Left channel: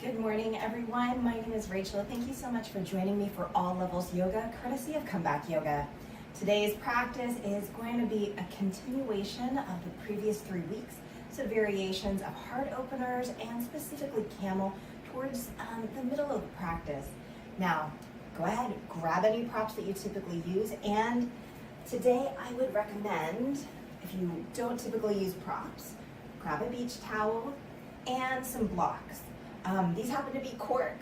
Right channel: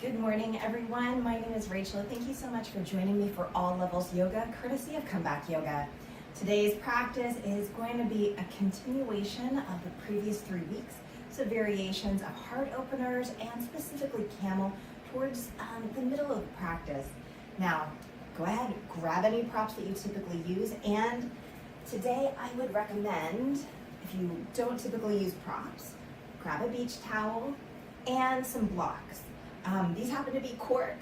Good morning, everyone. My name is Rachel. Thank you so much for joining me for All Levels Yoga, courtesy of Comeback Yoga. Today's practice is going to be a continuation of the previous 3 weeks, so variations of heart openers and specifically camel towards the middle of the practice. Now, go ahead, grab any props that you typically use, and today I would recommend, if you don't typically use props, grab a beach towel and some blocks. These happen to be cork.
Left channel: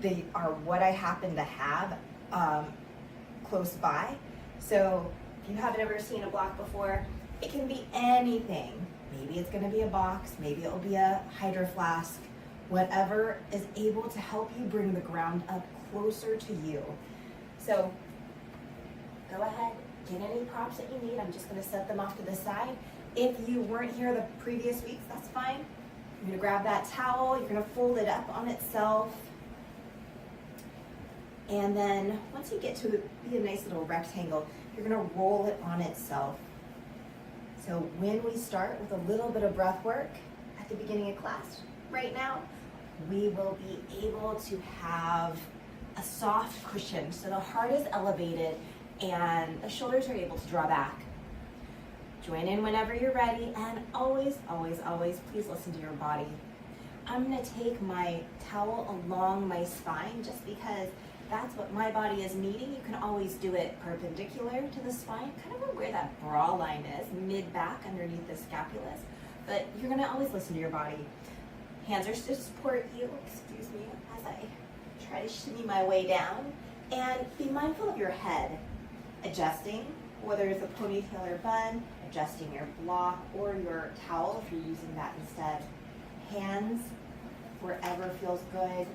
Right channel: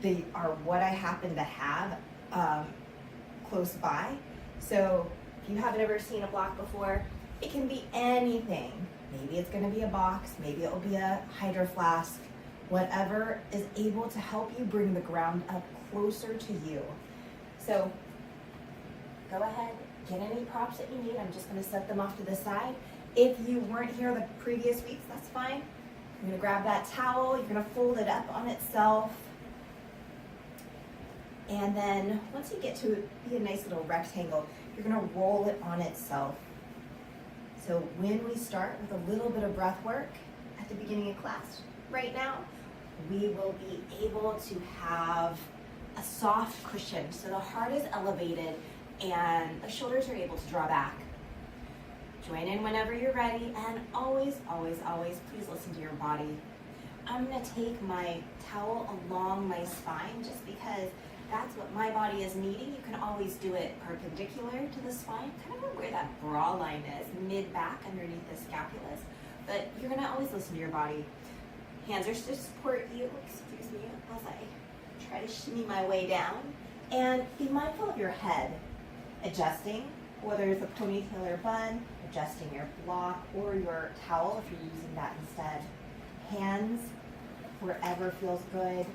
They are what I happen to have close by. So if you haven't ever seen a block before, it can be anything. Maybe it's gonna be a box, maybe it'll be a hydro flask, whatever is able to help you bring the ground up closer to you. So go ahead, get any props that you need. I'm just gonna set them off to the side. If you weren't here the previous weeks, that's fine. You're gonna grab that towel, you're gonna fold it up on itself. And then once you get to be a nice little rectangle, you're gonna roll it on itself. So when we start with a little bit of breath work at the beginning of class right now, we will be able to have a soft cushion. So the heart is elevated and the shoulders are able to draw back. Join in whenever you're ready, and always, always, always, please listen to your body. I'm gonna take my towel along my spine just because that's what my body is needing. You can always do it perpendicular to the spine, kind of where that bra line is, mid-back underneath the scapulus, but you're gonna always listen to your body. Hands are to support you, excuse me, as I try to shimmy my way down, and be mindful of your head, adjusting, whether it's a ponytail or bun, adjusting your block or your towel if you're using that instead. Hands wherever feels good,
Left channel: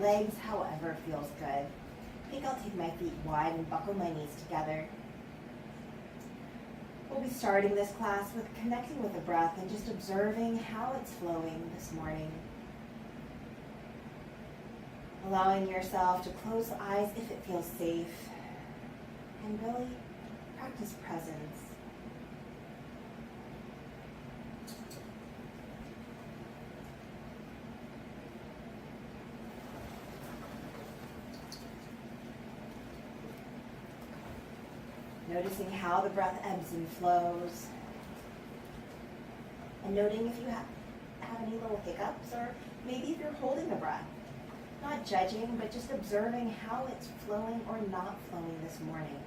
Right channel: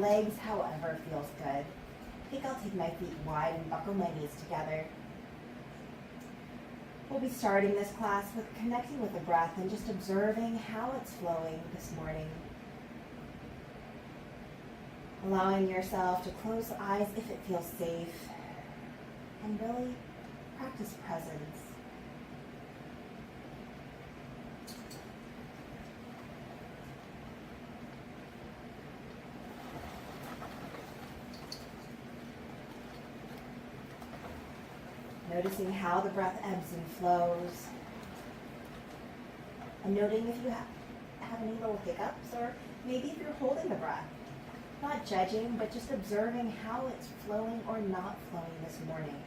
legs however feels good. I think I'll take my feet wide and buckle my knees together. We'll be starting this class with connecting with the breath and just observing how it's flowing this morning. Allowing yourself to close the eyes if it feels safe, and really practice presence. Noticing how the breath ebbs and flows. And noting if you have any little hiccups, or maybe if you're holding the breath. Not judging, but just observing how it's flowing or not flowing this morning.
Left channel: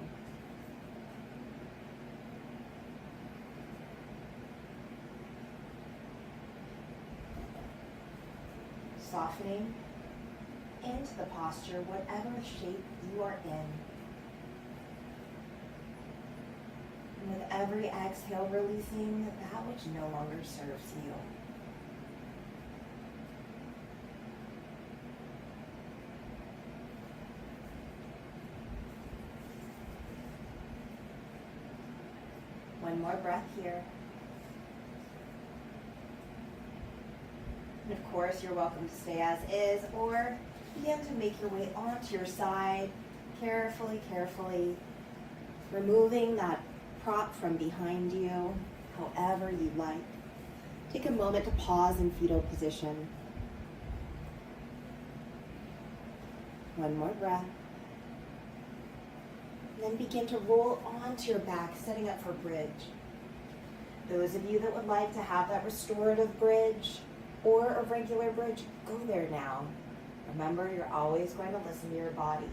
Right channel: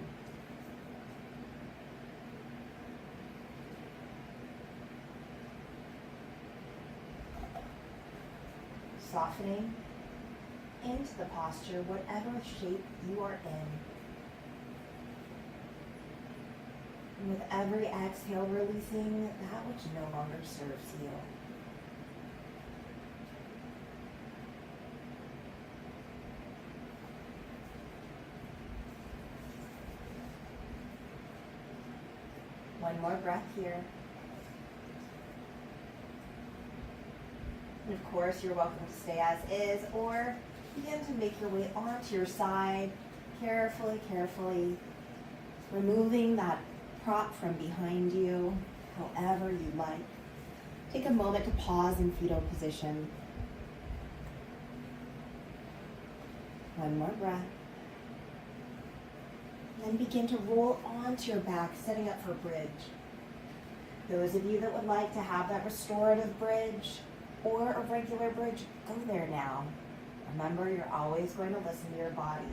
Softening into the posture, whatever shape you are in. And with every exhale, releasing that which no longer serves you. One more breath here. And of course, you're welcome to stay as is, or begin to make your way onto your side, carefully, carefully, removing that prop from behind you, however you like. Take a moment to pause in fetal position. One more breath. Then begin to roll onto your back, setting up for bridge. Those of you that would like to have that restorative bridge or a regular bridge, go there now. Remember, you're always going to listen to your body.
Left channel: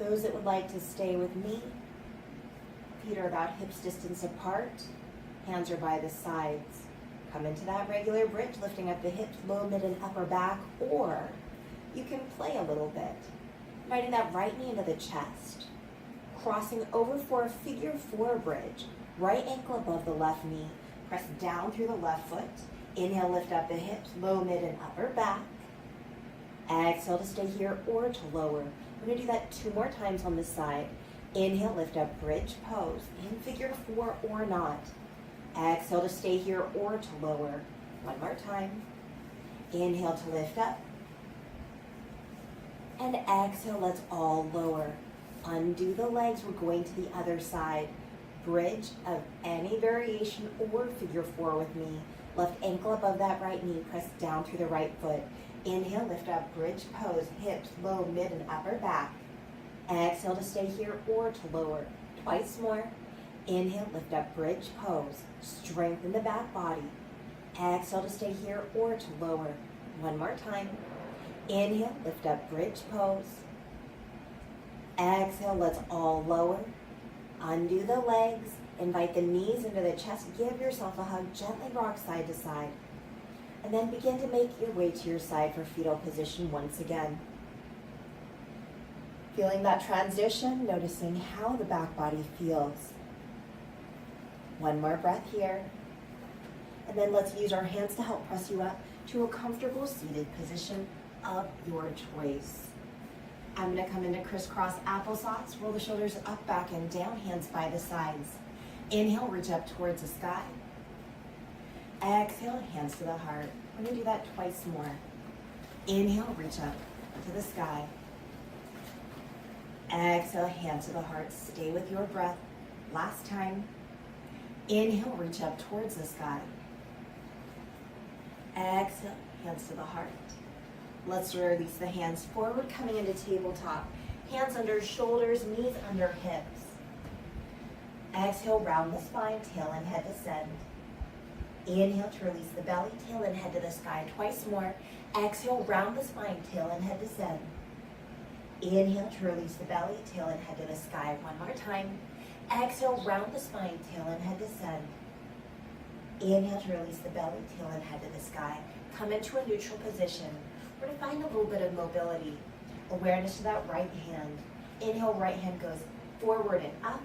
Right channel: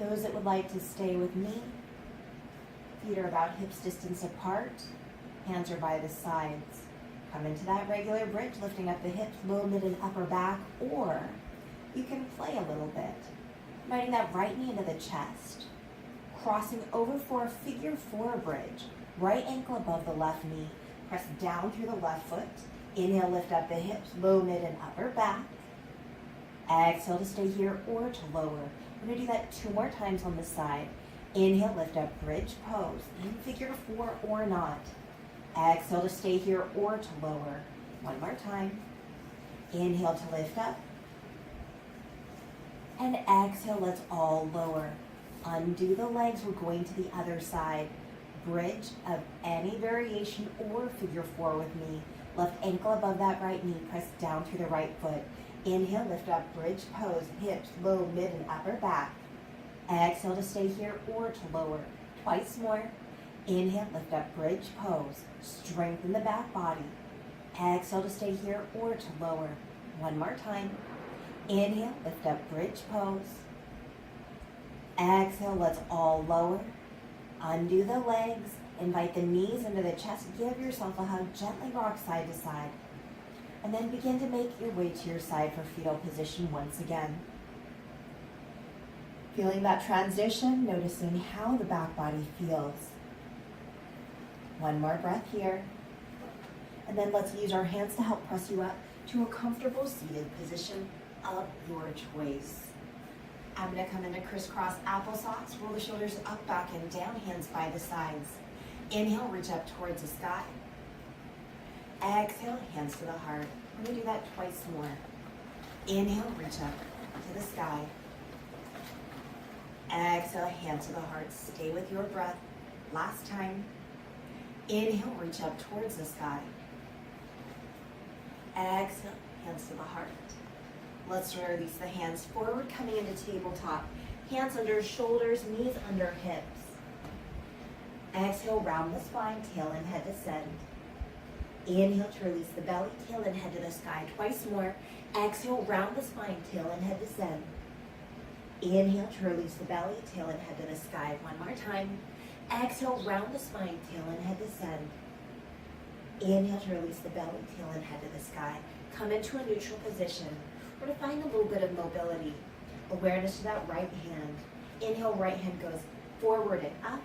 Those that would like to stay with me, feet are about hips distance apart, hands are by the sides. Come into that regular bridge, lifting up the hips, low, mid, and upper back, or you can play a little bit. Inviting that right knee into the chest. Crossing over for a figure 4 bridge. Right ankle above the left knee. Press down through the left foot. Inhale, lift up the hips, low, mid, and upper back. Exhale to stay here or to lower. We're going to do that 2 more times on this side. Inhale, lift up, bridge pose. In figure 4 or not. Exhale to stay here or to lower. 1 more time. Inhale to lift up. And exhale, let's all lower. Undo the legs, we're going to the other side. Bridge of any variation or figure 4 with me. Left ankle above that right knee, press down through the right foot. Inhale, lift up, bridge pose, hips, low, mid, and upper back. Exhale to stay here or to lower. Twice more. Inhale, lift up, bridge pose. Strengthen the back body. Exhale to stay here or to lower. One more time. Inhale, lift up, bridge pose. Exhale, let's all lower. Undo the legs. Invite the knees into the chest. Give yourself a hug. Gently rock side to side. And then begin to make your way to your side for fetal position once again. Feeling that transition, noticing how the back body feels. One more breath here. And then let's use our hands to help press you up to a comfortable seated position of your choice. I'm going to come into crisscross applesauce. Roll the shoulders up, back, and down, hands by the sides. Inhale, reach up towards the sky. Exhale, hands to the heart. I'm going to do that twice more. Inhale, reach up to the sky. Exhale, hands to the heart. Stay with your breath. Last time. Inhale, reach up towards the sky. Exhale, hands to the heart. Let's release the hands forward, coming into tabletop. Hands under shoulders, knees under hips. Exhale, round the spine, tail and head descend. Inhale to release the belly, tail and head to the sky. Twice more. Exhale, round the spine, tail and head descend. Inhale to release the belly, tail and head to the sky. One more time. Exhale, round the spine, tail and head descend. Inhale to release the belly, tail and head to the sky. Come into a neutral position. We're going to find a little bit of mobility. Awareness to that right hand. Inhale, right hand goes forward and up.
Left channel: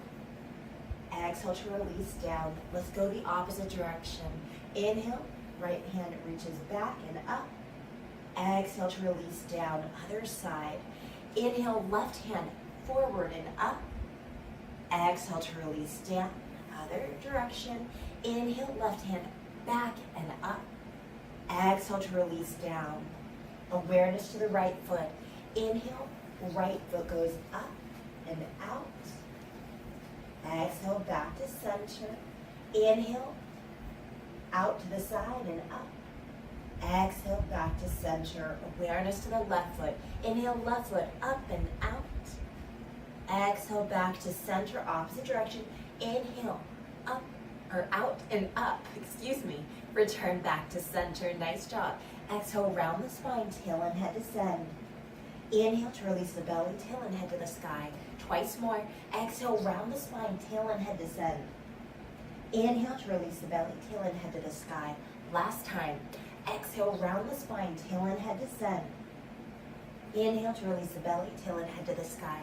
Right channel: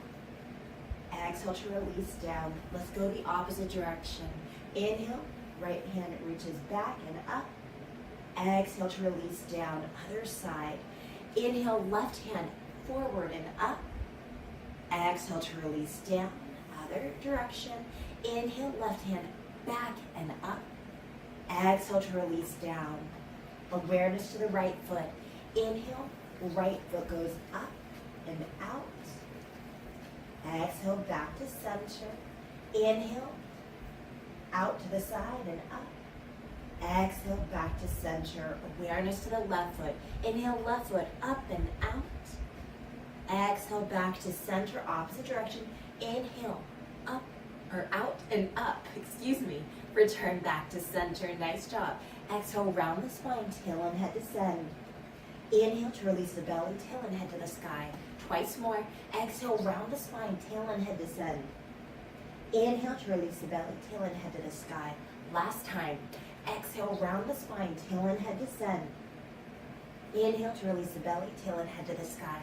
Exhale to release down. Let's go the opposite direction. Inhale, right hand reaches back and up. Exhale to release down, other side. Inhale, left hand forward and up. Exhale to release down, other direction. Inhale, left hand back and up. Exhale to release down. Awareness to the right foot. Inhale, right foot goes up and out. Exhale, back to center. Inhale, out to the side and up. Exhale, back to center. Awareness to the left foot. Inhale, left foot up and out. Exhale, back to center, opposite direction. Inhale, up, or out and up, excuse me. Return back to center, nice job. Exhale, round the spine, tail and head descend. Inhale to release the belly, tail and head to the sky. Twice more. Exhale, round the spine, tail and head descend. Inhale to release the belly, tail and head to the sky. Last time. Exhale, round the spine, tail and head descend. Inhale to release the belly, tail and head to the sky.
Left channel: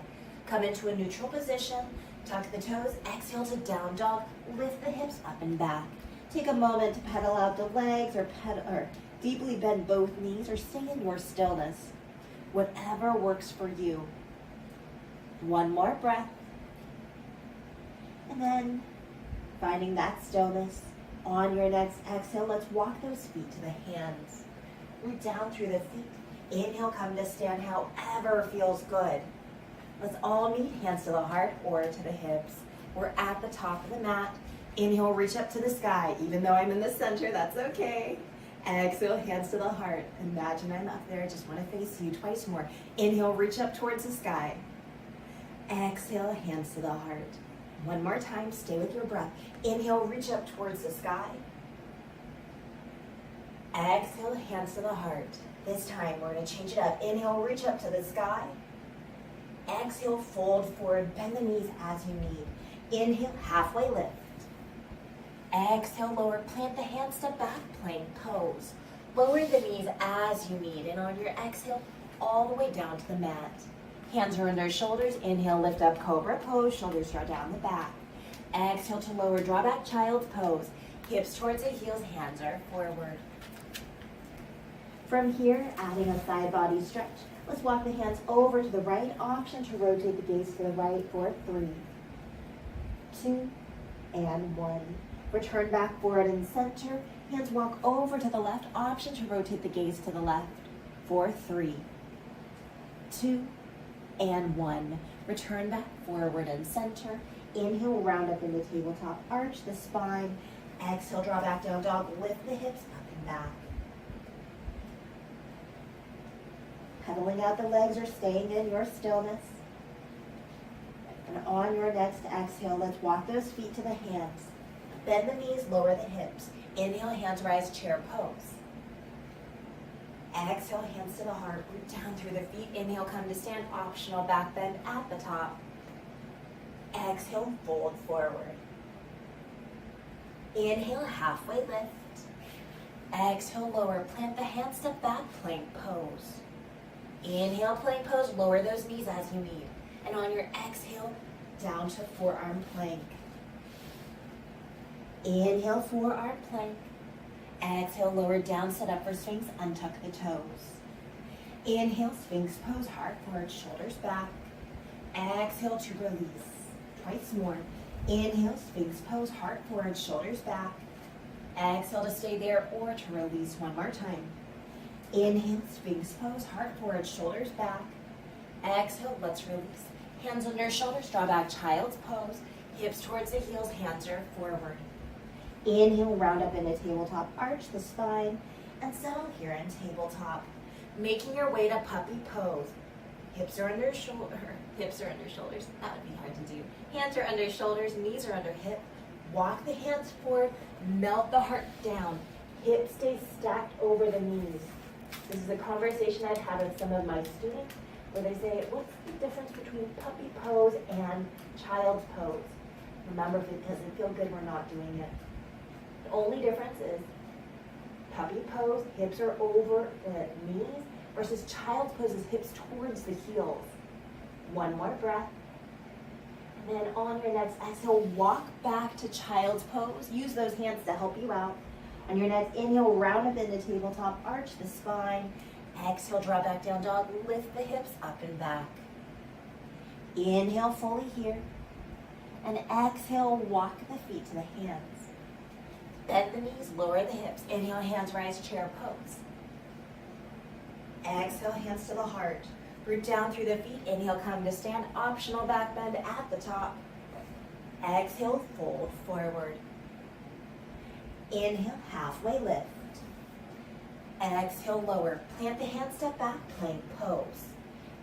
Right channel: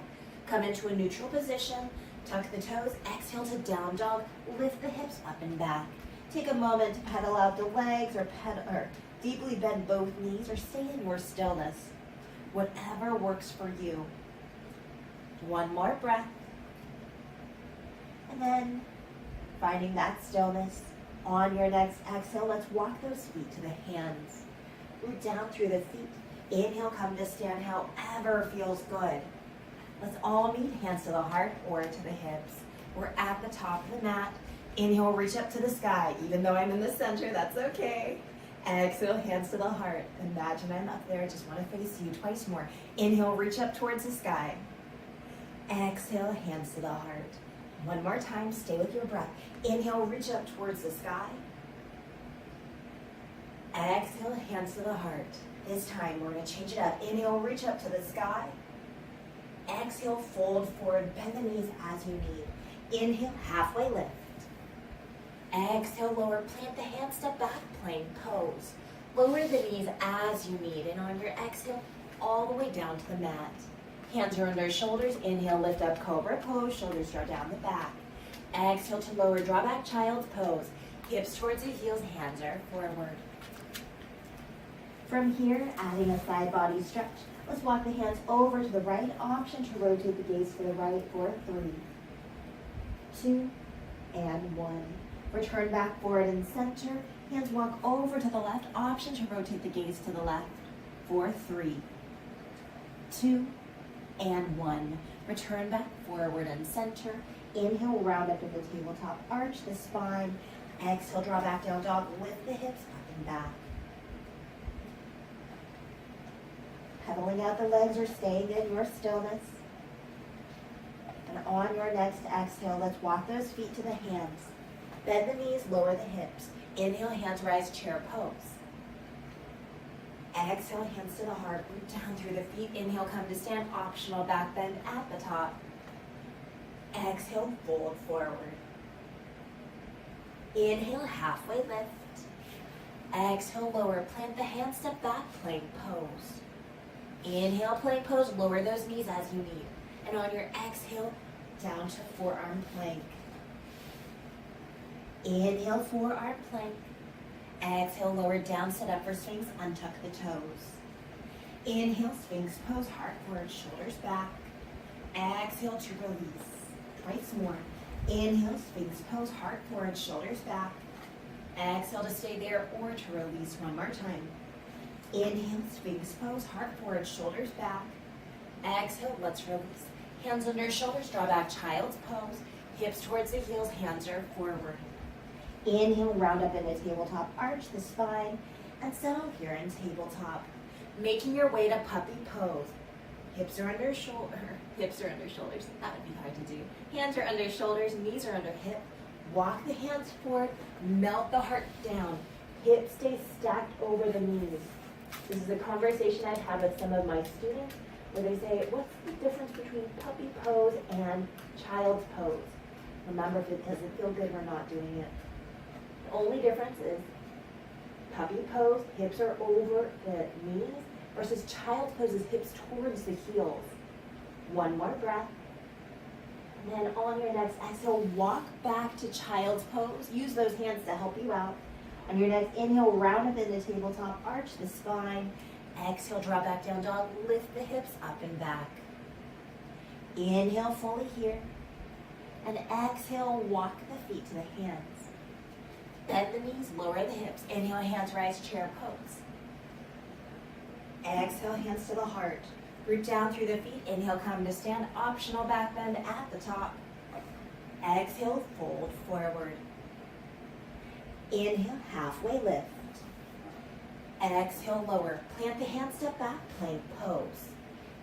Come into a neutral position. Tuck the toes. Exhale to down dog. Lift the hips up and back. Take a moment to pedal out the legs or deeply bend both knees or stay in your stillness. Whatever works for you. One more breath. And then finding that stillness. On your next exhale, let's walk those feet to the hands. Root down through the feet. Inhale, come to stand however feels good. Let's all meet hands to the heart or to the hips. We're at the top of the mat. Inhale, reach up to the sky. Even though I'm in the center, that's okay. Exhale, hands to the heart. Imagine I'm up there. Just want to face you twice more. Inhale, reach up towards the sky. Exhale, hands to the heart. One more time, stay with your breath. Inhale, reach up towards the sky. Exhale, hands to the heart. This time, we're going to change it up. Inhale, reach up to the sky. Exhale, fold forward, bend the knees as you need. Inhale, halfway lift. Exhale, lower, plant the hands, step back, plank pose. Lower the knees as you need, and on your exhale, all the way down to the mat. Hands are on their shoulders. Inhale, lift up, cobra pose. Shoulders draw down the back. Exhale to lower, draw back, child's pose. Hips towards the heels, hands are forward. From here, adding a side body stretch. Let's walk the hands over to the right. Option to rotate the gaze to the right for 3, 2, and 1. Return back forward and center. Hands walk over to the left. Option to rotate the gaze to the left for 3, 2, and 1. Return back forward and center. Inhale, round up in the tabletop. Arch the spine. Exhale, draw back down dog. Lift the hips up and back. Pedaling out the legs or staying in your stillness. And on your next exhale, let's walk those feet to the hands. Bend the knees, lower the hips. Inhale, hands rise, chair pose. Exhale, hands to the heart, root down through the feet. Inhale, come to stand, optional back bend at the top. Exhale, fold forward. Inhale, halfway lift. Exhale, lower, plant the hands, step back, plank pose. Inhale, plank pose, lower those knees as you need. And on your exhale, down to forearm plank. Inhale, forearm plank. Exhale, lower down, set up for Sphinx, untuck the toes. Inhale, Sphinx pose, heart forward, shoulders back. Exhale to release. Twice more. Inhale, Sphinx pose, heart forward, shoulders back. Exhale to stay there or to release one more time. Inhale, Sphinx pose, heart forward, shoulders back. Exhale, let's release. Hands under shoulders, draw back, child's pose. Hips towards the heels, hands are forward. Inhale, round up in a tabletop, arch the spine, and settle here in tabletop. Making your way to puppy pose. Hips are under shoulders. That would be hard to do. Hands are under shoulders, knees are under hip. Walk the hands forward, melt the heart down. Hips stay stacked over the knees. This is a conversation I've had with some of my students where they say, what's the difference between puppy pose and child's pose? Remember, if it doesn't feel good, we're not doing it. The only difference is puppy pose, hips are over the knees, versus child's pose is hips towards the heels. One more breath. And then on your next exhale, walk back to child's pose. Use those hands to help you out. On your next inhale, round up in the tabletop, arch the spine. Exhale, draw back down dog, lift the hips up and back. Inhale fully here. And exhale, walk the feet to the hands. Bend the knees, lower the hips. Inhale, hands rise, chair pose. Exhale, hands to the heart. Root down through the feet. Inhale, come to stand. Optional back bend at the top. Exhale, fold forward. Inhale, halfway lift. Exhale, lower. Plant the hands, step back, plank pose.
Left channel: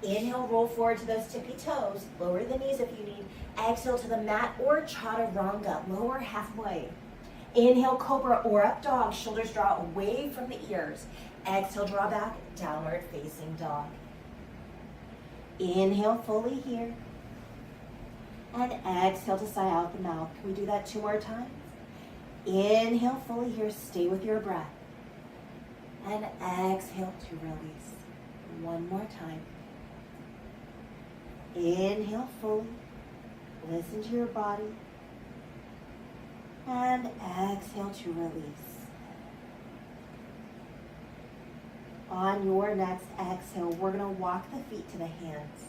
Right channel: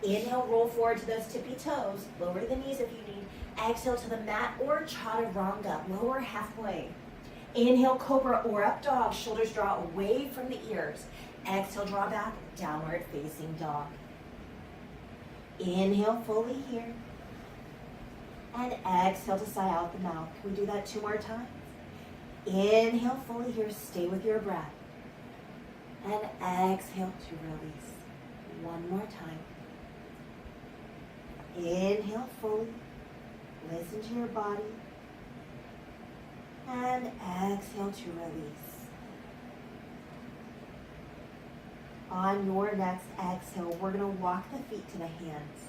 Inhale, roll forward to those tippy toes. Lower the knees if you need. Exhale to the mat or chaturanga. Lower halfway. Inhale, cobra or up dog. Shoulders draw away from the ears. Exhale, draw back, downward facing dog. Inhale fully here. And exhale to sigh out the mouth. Can we do that 2 more times? Inhale fully here. Stay with your breath. And exhale to release. 1 more time. Inhale fully. Listen to your body. And exhale to release. On your next exhale, we're going to walk the feet to the hands.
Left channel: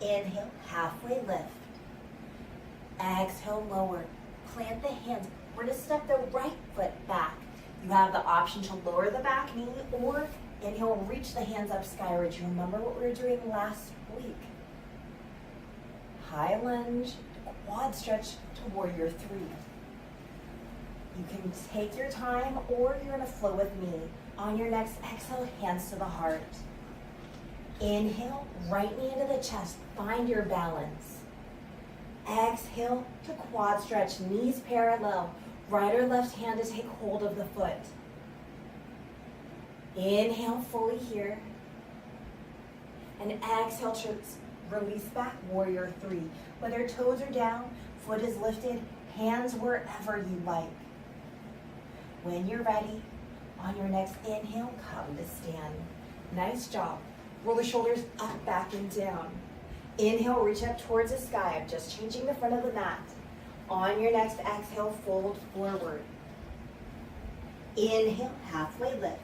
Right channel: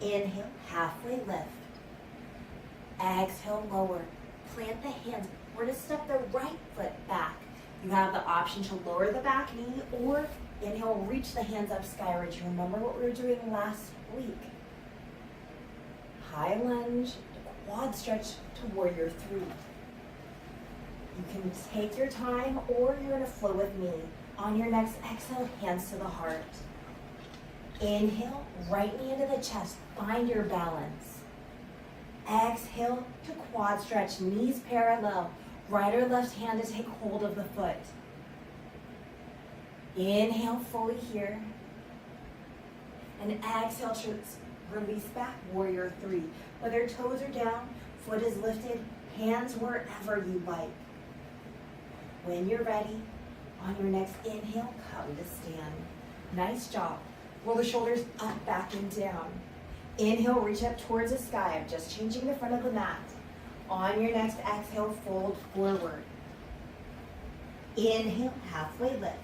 Inhale, halfway lift. Exhale, lower. Plant the hands. We're going to step the right foot back. You have the option to lower the back knee or inhale, reach the hands up skyward. You remember what we were doing last week. High lunge, quad stretch to warrior 3. You can take your time or you're going to flow with me. On your next exhale, hands to the heart. Inhale, right knee into the chest. Find your balance. Exhale to quad stretch, knees parallel. Right or left hand to take hold of the foot. Inhale fully here. And exhale to release back, warrior 3. Whether toes are down, foot is lifted, hands wherever you like. When you're ready, on your next inhale, come to stand. Nice job. Roll the shoulders up, back, and down. Inhale, reach up towards the sky. I'm just changing the front of the mat. On your next exhale, fold forward. Inhale, halfway lift.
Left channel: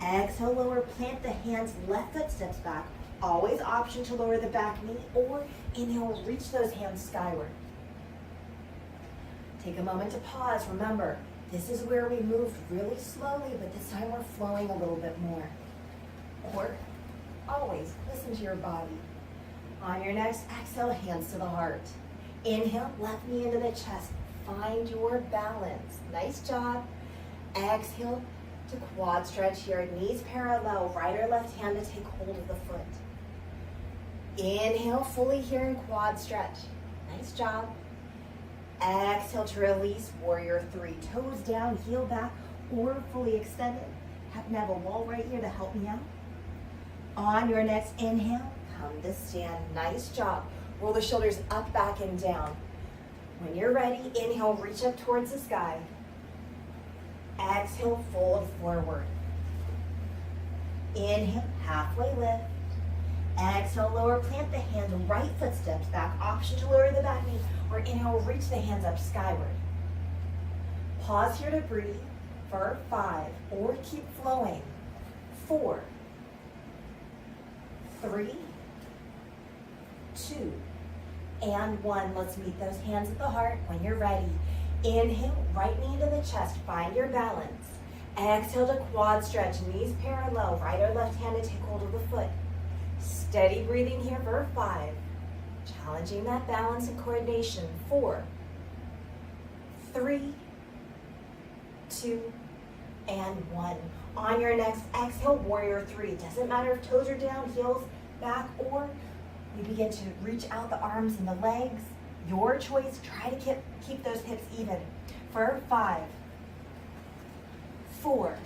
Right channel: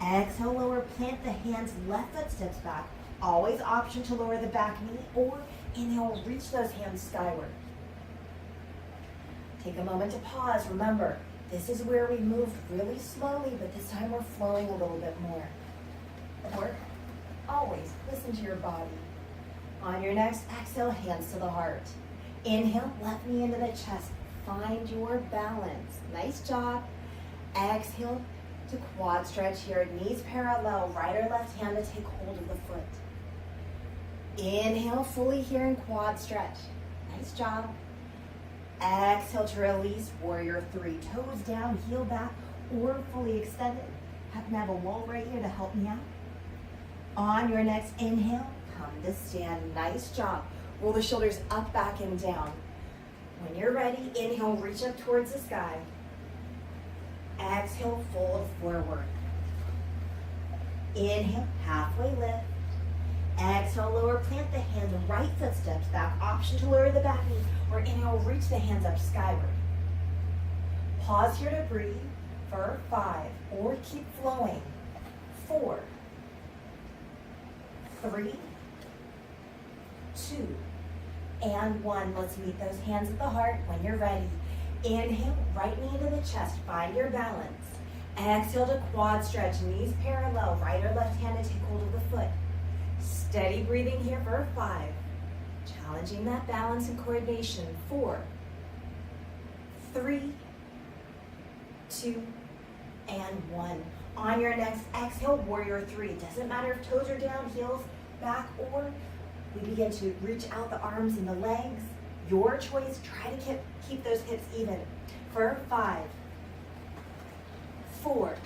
Exhale, lower, plant the hands, left foot steps back. Always option to lower the back knee or inhale, reach those hands skyward. Take a moment to pause. Remember, this is where we move really slowly, but this time we're flowing a little bit more. Or always listen to your body. On your next exhale, hands to the heart. Inhale, left knee into the chest. Find your balance. Nice job. Exhale to quad stretch here. Knees parallel, right or left hand to take hold of the foot. Inhale fully here in quad stretch. Nice job. Exhale to release, warrior three. Toes down, heel back, or fully extended. Happen to have a wall right here to help me out. On your next inhale, come to stand. Nice job. Roll the shoulders up, back, and down. When you're ready, inhale, reach up towards the sky. Exhale, fold forward. Inhale, halfway lift. Exhale, lower, plant the hands, right foot steps back. Option to lower the back knee, or inhale, reach the hands up skyward. Pause here to breathe for 5, or keep flowing. 4, 3, 2, and 1. Let's meet those hands at the heart when you're ready. Inhale, right knee to the chest, find your balance. Exhale to quad stretch, knees parallel, right or left hand to take hold of the foot. Steady breathing here for 5. Challenging that balance and coordination. 4, 3, 2, and 1. On your next exhale, warrior three. Doesn't matter if toes are down, heels back, or we begin to reach out the arms and the legs. Your choice. Try to keep those hips even. For 5, 4,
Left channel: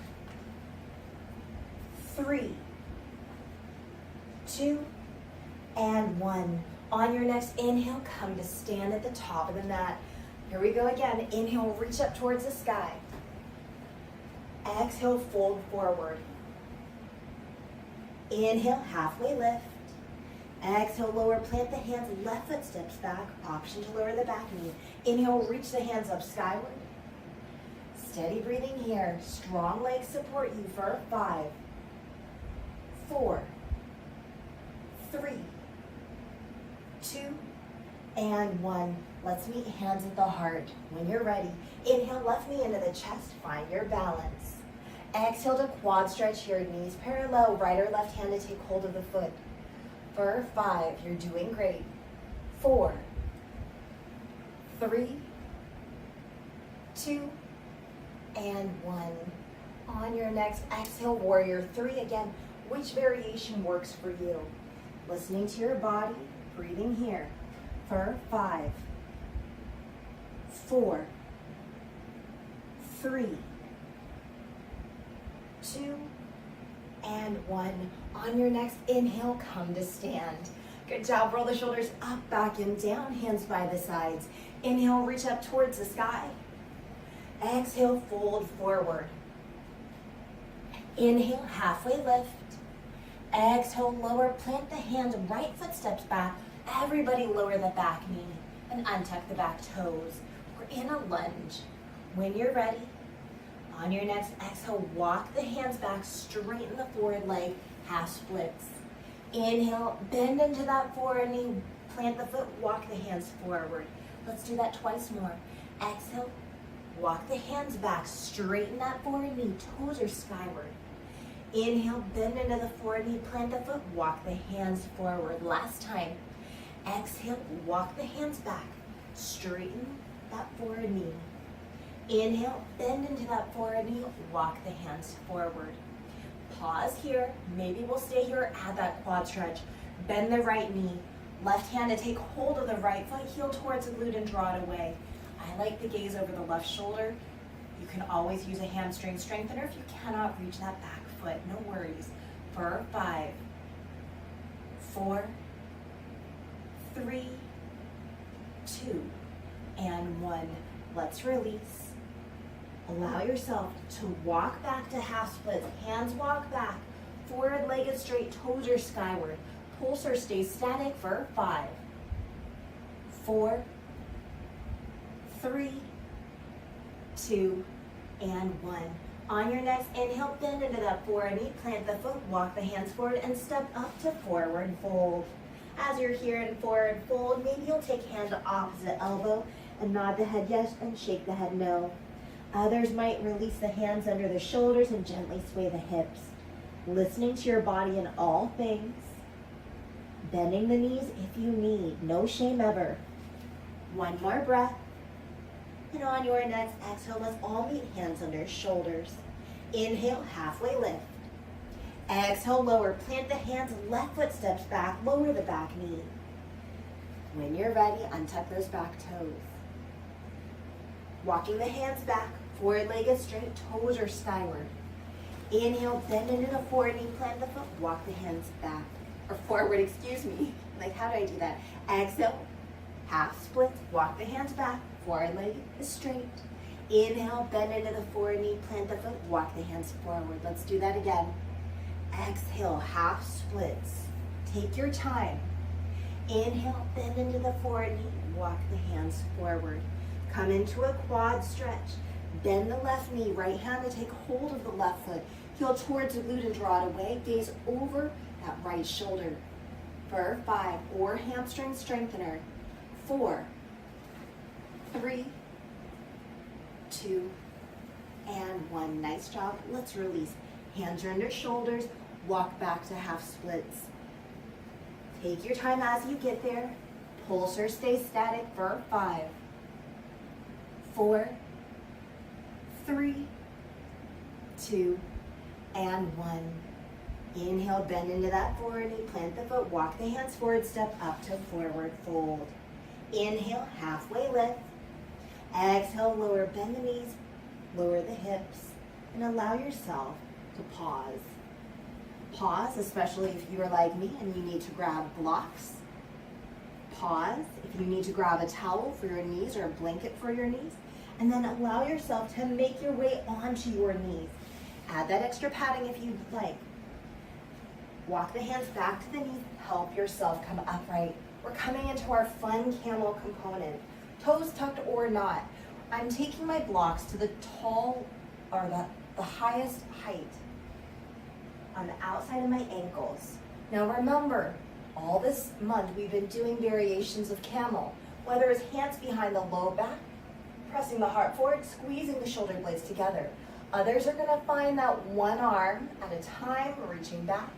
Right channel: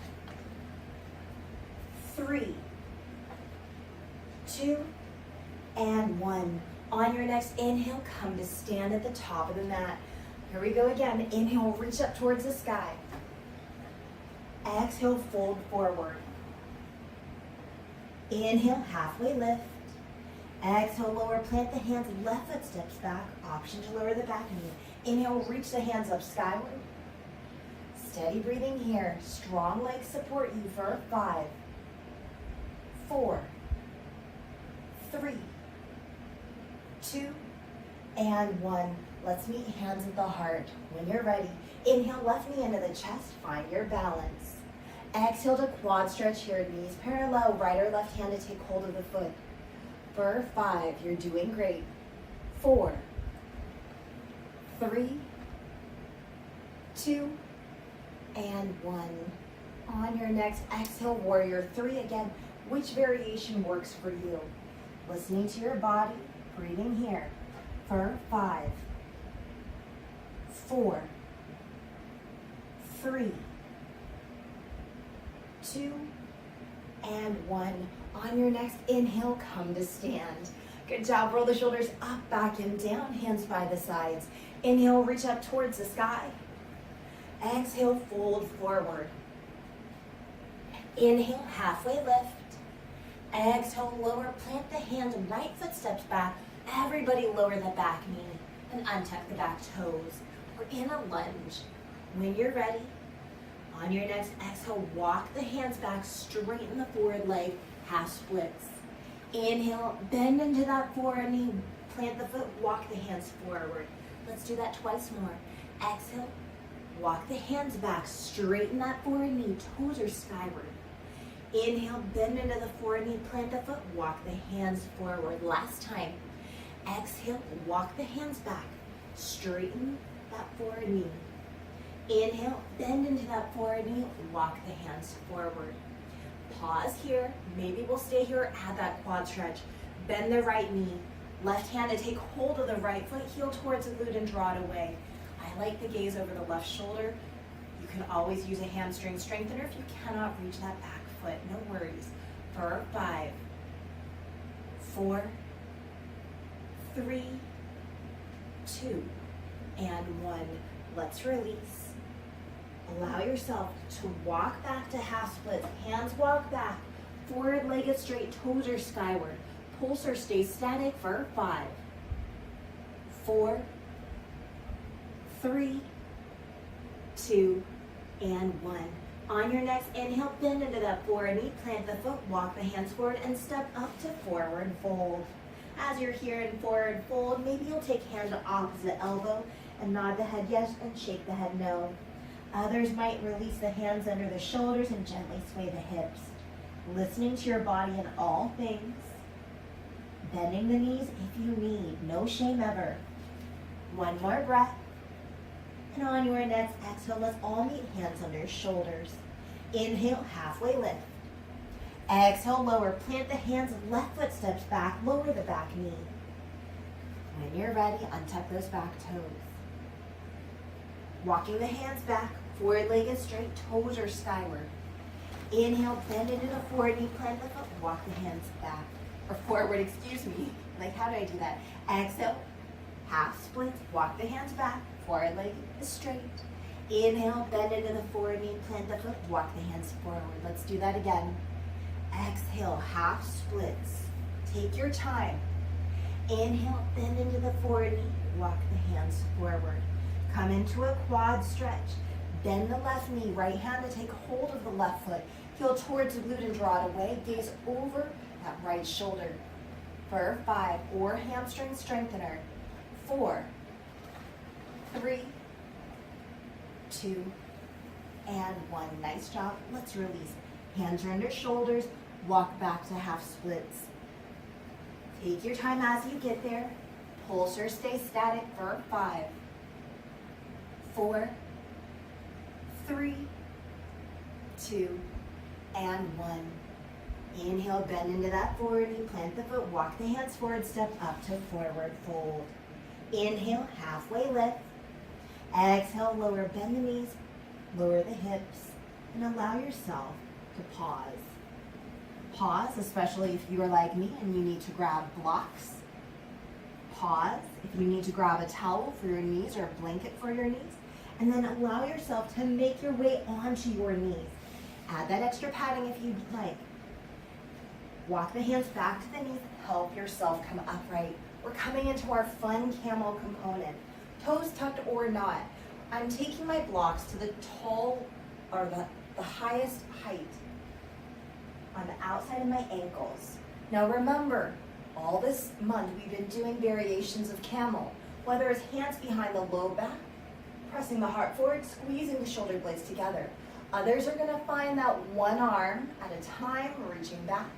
3, 2, and 1. On your next inhale, come to stand at the top of the mat. Here we go again. Inhale, reach up towards the sky. Exhale, fold forward. Inhale, halfway lift. Exhale, lower, plant the hands, left foot steps back. Option to lower the back knee. Inhale, reach the hands up skyward. Steady breathing here. Strong legs support you for 5, 4, 3, 2, and 1. Let's meet hands at the heart. When you're ready, inhale, left knee into the chest, find your balance. Exhale to quad stretch here, knees parallel, right or left hand to take hold of the foot. For 5, you're doing great. 4, 3, 2, and 1. On your next exhale, warrior three. Again, which variation works for you? Listening to your body, breathing here. For 5, 4, 3, 2, and 1. On your next inhale, come to stand. Good job. Roll the shoulders up, back, and down. Hands by the sides. Inhale, reach up towards the sky. Exhale, fold forward. Inhale, halfway lift. Exhale, lower, plant the hands, right foot steps back. Everybody lower the back knee and untuck the back toes. We're in a lunge. When you're ready, on your next exhale, walk the hands back, straighten the forward leg, half splits. Inhale, bend into that forward knee, plant the foot, walk the hands forward. Let's do that twice more. Exhale, walk the hands back, straighten that forward knee, toes are skyward. Inhale, bend into the forward knee, plant the foot, walk the hands forward. Last time. Exhale, walk the hands back, straighten that forward knee. Inhale, bend into that forward knee, walk the hands forward. Pause here, maybe we'll stay here, add that quad stretch. Bend the right knee, left hand to take hold of the right foot, heel towards the glute and draw it away. I like the gaze over the left shoulder. You can always use a hamstring strengthener if you cannot reach that back foot, no worries. For 5, 4, 3, 2, and 1. Let's release. Allow yourself to walk back to half splits. Hands walk back. Forward leg is straight, toes are skyward. Pulsar stays static for 5, 4, 3, 2, and 1. On your next inhale, bend into that forward knee, plant the foot, walk the hands forward, and step up to forward fold. As you're here in forward fold, maybe you'll take hand to opposite elbow and nod the head yes and shake the head no. Others might release the hands under the shoulders and gently sway the hips. Listening to your body in all things. Bending the knees if you need, no shame ever. One more breath. And on your next exhale, let's all meet hands under shoulders. Inhale, halfway lift. Exhale, lower. Plant the hands, left foot steps back, lower the back knee. When you're ready, untuck those back toes. Walking the hands back, forward leg is straight, toes are skyward. Inhale, bend into the forward knee, plant the foot, walk the hands back, or forward, excuse me. Like, how do I do that? Exhale, half splits, walk the hands back, forward leg is straight. Inhale, bend into the forward knee, plant the foot, walk the hands forward. Let's do that again. Exhale, half splits. Take your time. Inhale, bend into the forward knee, walk the hands forward. Come into a quad stretch. Bend the left knee, right hand to take hold of the left foot. Heel towards the glute and draw it away. Gaze over that right shoulder. For 5, or hamstring strengthener. 4, 3, 2, and 1. Nice job. Let's release. Hands are under shoulders. Walk back to half splits. Take your time as you get there. Pulse or stay static for 5, 4, 3, 2, and 1. Inhale, bend into that forward knee, plant the foot, walk the hands forward, step up to forward fold. Inhale, halfway lift. Exhale, lower, bend the knees, lower the hips, and allow yourself to pause. Pause, especially if you are like me and you need to grab blocks. Pause if you need to grab a towel for your knees or a blanket for your knees. And then allow yourself to make your way onto your knees. Add that extra padding if you'd like. Walk the hands back to the knees. Help yourself come upright. We're coming into our fun camel component. Toes tucked or not. I'm taking my blocks to the tall, or the highest height on the outside of my ankles. Now remember, all this month we've been doing variations of camel, whether it's hands behind the low back, pressing the heart forward, squeezing the shoulder blades together. Others are gonna find that one arm at a time, reaching back.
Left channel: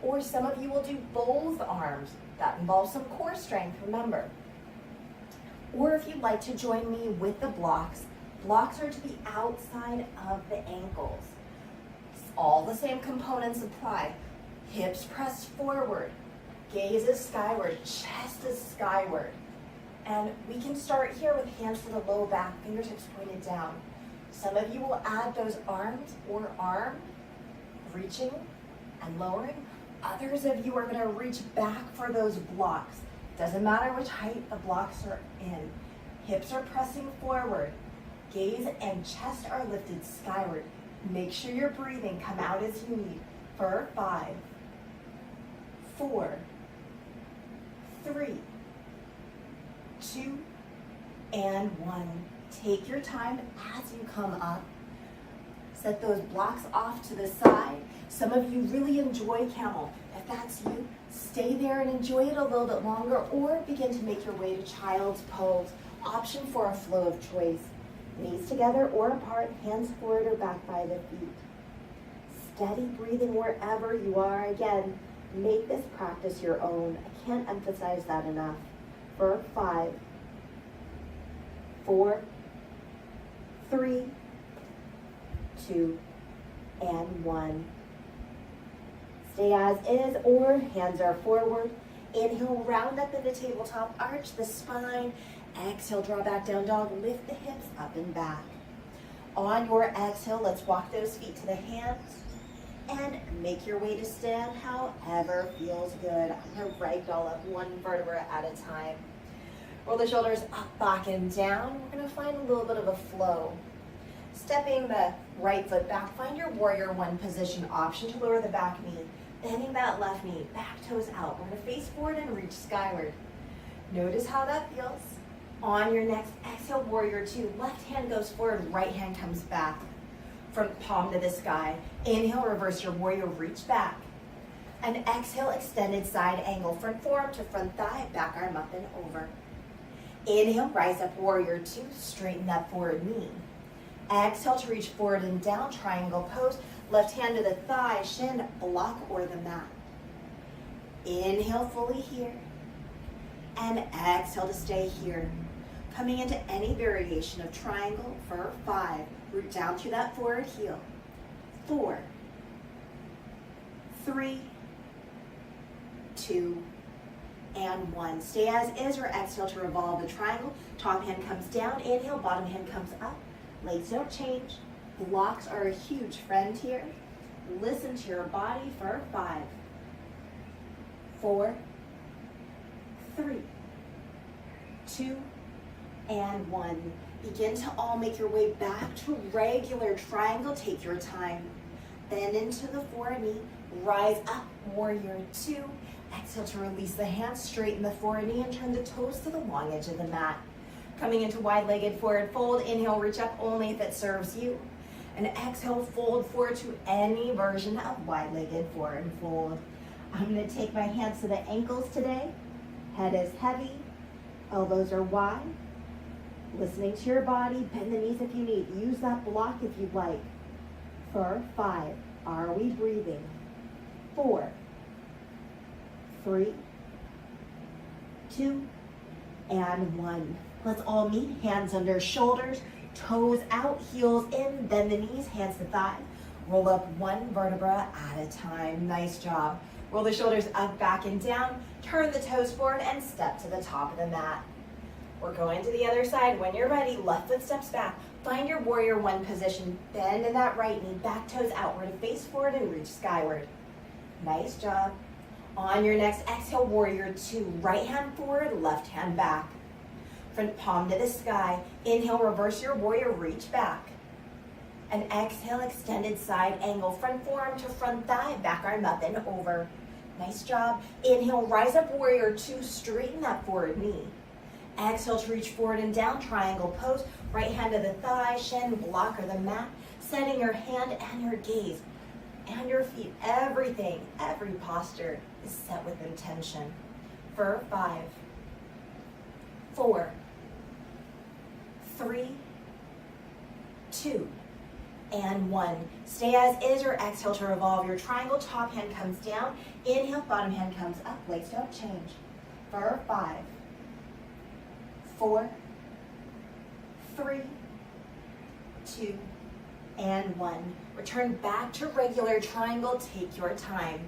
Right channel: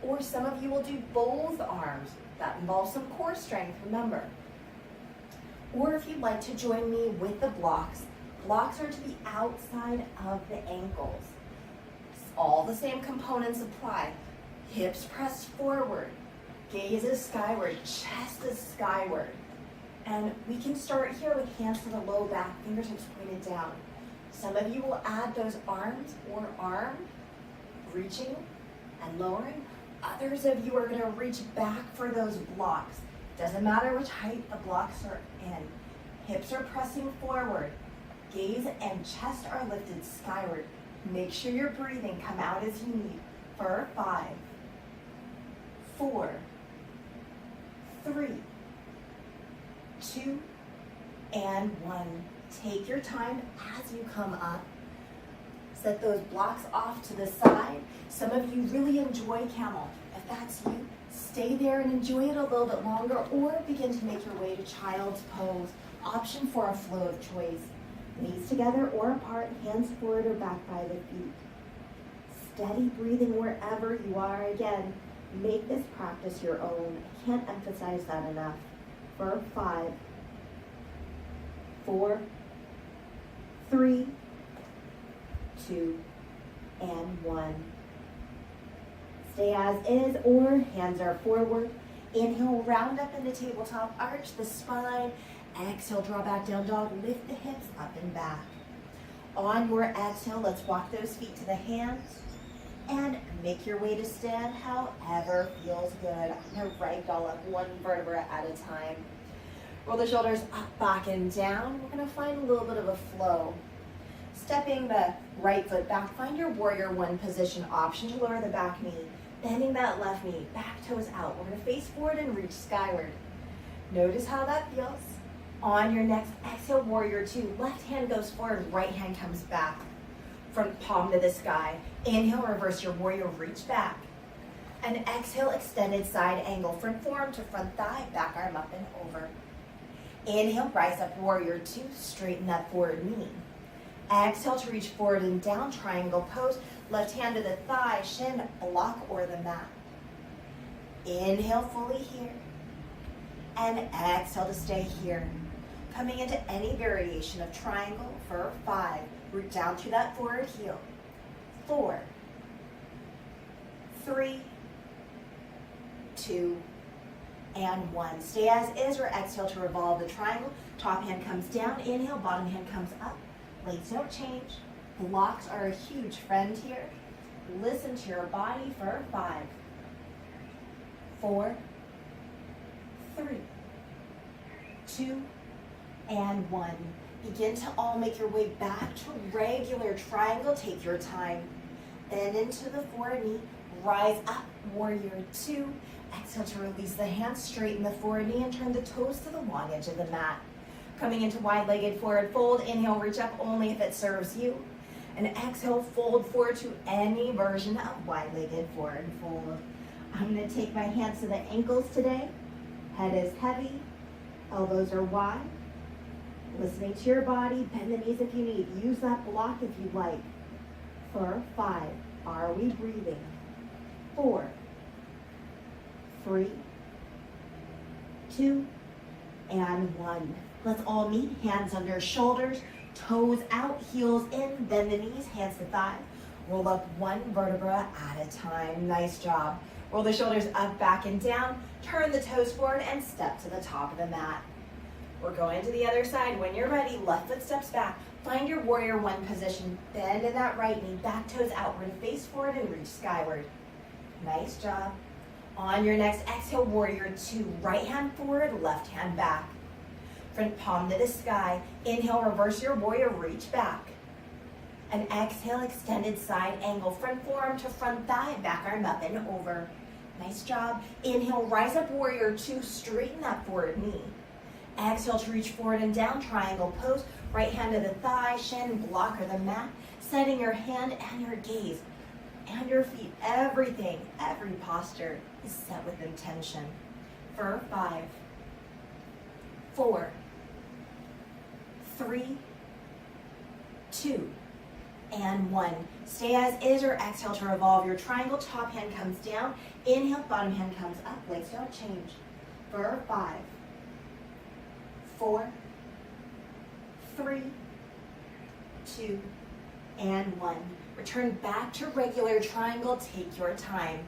Or some of you will do both arms. That involves some core strength, remember. Or if you'd like to join me with the blocks, blocks are to the outside of the ankles. All the same components apply. Hips pressed forward, gaze is skyward, chest is skyward. And we can start here with hands to the low back, fingertips pointed down. Some of you will add those arms or arm, reaching and lowering. Others of you are gonna reach back for those blocks. Doesn't matter which height the blocks are in. Hips are pressing forward. Gaze and chest are lifted skyward. Make sure you're breathing. Come out as you need. For 5, 4, 3, 2, and 1. Take your time as you come up. Set those blocks off to the side. Some of you really enjoy camel. If that's you, stay there and enjoy it a little bit longer, or begin to make your way to child's pose. Option for a flow of choice. Knees together or apart, hands forward or back by the feet. Steady breathing wherever you are. Again, make this practice your own. I can't emphasize that enough. For 5, 4, 3, 2, and 1. Stay as is, or hands are forward. Inhale, round up into tabletop, arch the spine. Exhale, draw back down dog, lift the hips up and back. On your exhale, let's walk those feet to the hands and make your way to stand however feels good. I'm gonna ragdoll up one vertebra at a time. Roll the shoulders up, back, and down. We're gonna find a little bit of a flow. Stepping the right foot back, find your warrior one position. Option to lower the back knee. Bending that left knee, back toes out. We're gonna face forward and reach skyward. Notice how that feels. On your next exhale, warrior two. Left hand goes forward, right hand comes back. From palm to the sky. Inhale, reverse your warrior, reach back. And exhale, extended side angle. Front forearm to front thigh, back arm up and over. Inhale, rise up, warrior two. Straighten that forward knee. Exhale to reach forward and down, triangle pose. Left hand to the thigh, shin, block or the mat. Inhale fully here. And exhale to stay here. Coming into any variation of triangle for 5, Root down through that forward heel. 4, 3, 2, and 1. Stay as is or exhale to revolve the triangle. Top hand comes down, inhale, bottom hand comes up. Legs don't change. Blocks are a huge friend here. Listen to your body for 5, 4, 3, 2, and 1. Begin to all make your way back to regular triangle. Take your time. Bend into the forward knee. Rise up, warrior 2. Exhale to release the hands. Straighten the forward knee and turn the toes to the long edge of the mat. Coming into wide-legged forward fold. Inhale, reach up only if it serves you. And exhale, fold forward to any version of wide-legged forward fold. I'm going to take my hands to the ankles today. Head is heavy. Elbows are wide. Listening to your body. Bend the knees if you need. Use that block if you'd like. For 5. Are we breathing? 4, 3, 2, and 1. Let's all meet. Hands under shoulders. Toes out, heels in. Bend the knees, hands to thighs. Roll up one vertebra at a time. Nice job. Roll the shoulders up, back, and down. Turn the toes forward and step to the top of the mat. We're going to the other side. When you're ready, left foot steps back. Find your warrior 1 position. Bend in that right knee. Back toes outward. Face forward and reach skyward. Nice job. On your next exhale, warrior 2. Right hand forward, left hand back. Front palm to the sky. Inhale, reverse your warrior, reach back. And exhale, extended side angle. Front forearm to front thigh, back arm up and over. Nice job. Inhale, rise up, warrior 2. Straighten that forward knee. Exhale to reach forward and down, triangle pose. Right hand to the thigh, shin, block or the mat. Setting your hand and your gaze and your feet. Everything, every posture is set with intention. For 5, 4, 3, 2, and 1. Stay as is or exhale to revolve your triangle. Top hand comes down. Inhale, bottom hand comes up. Legs don't change. For 5, 4, 3, 2, and 1. Return back to regular triangle. Take your time.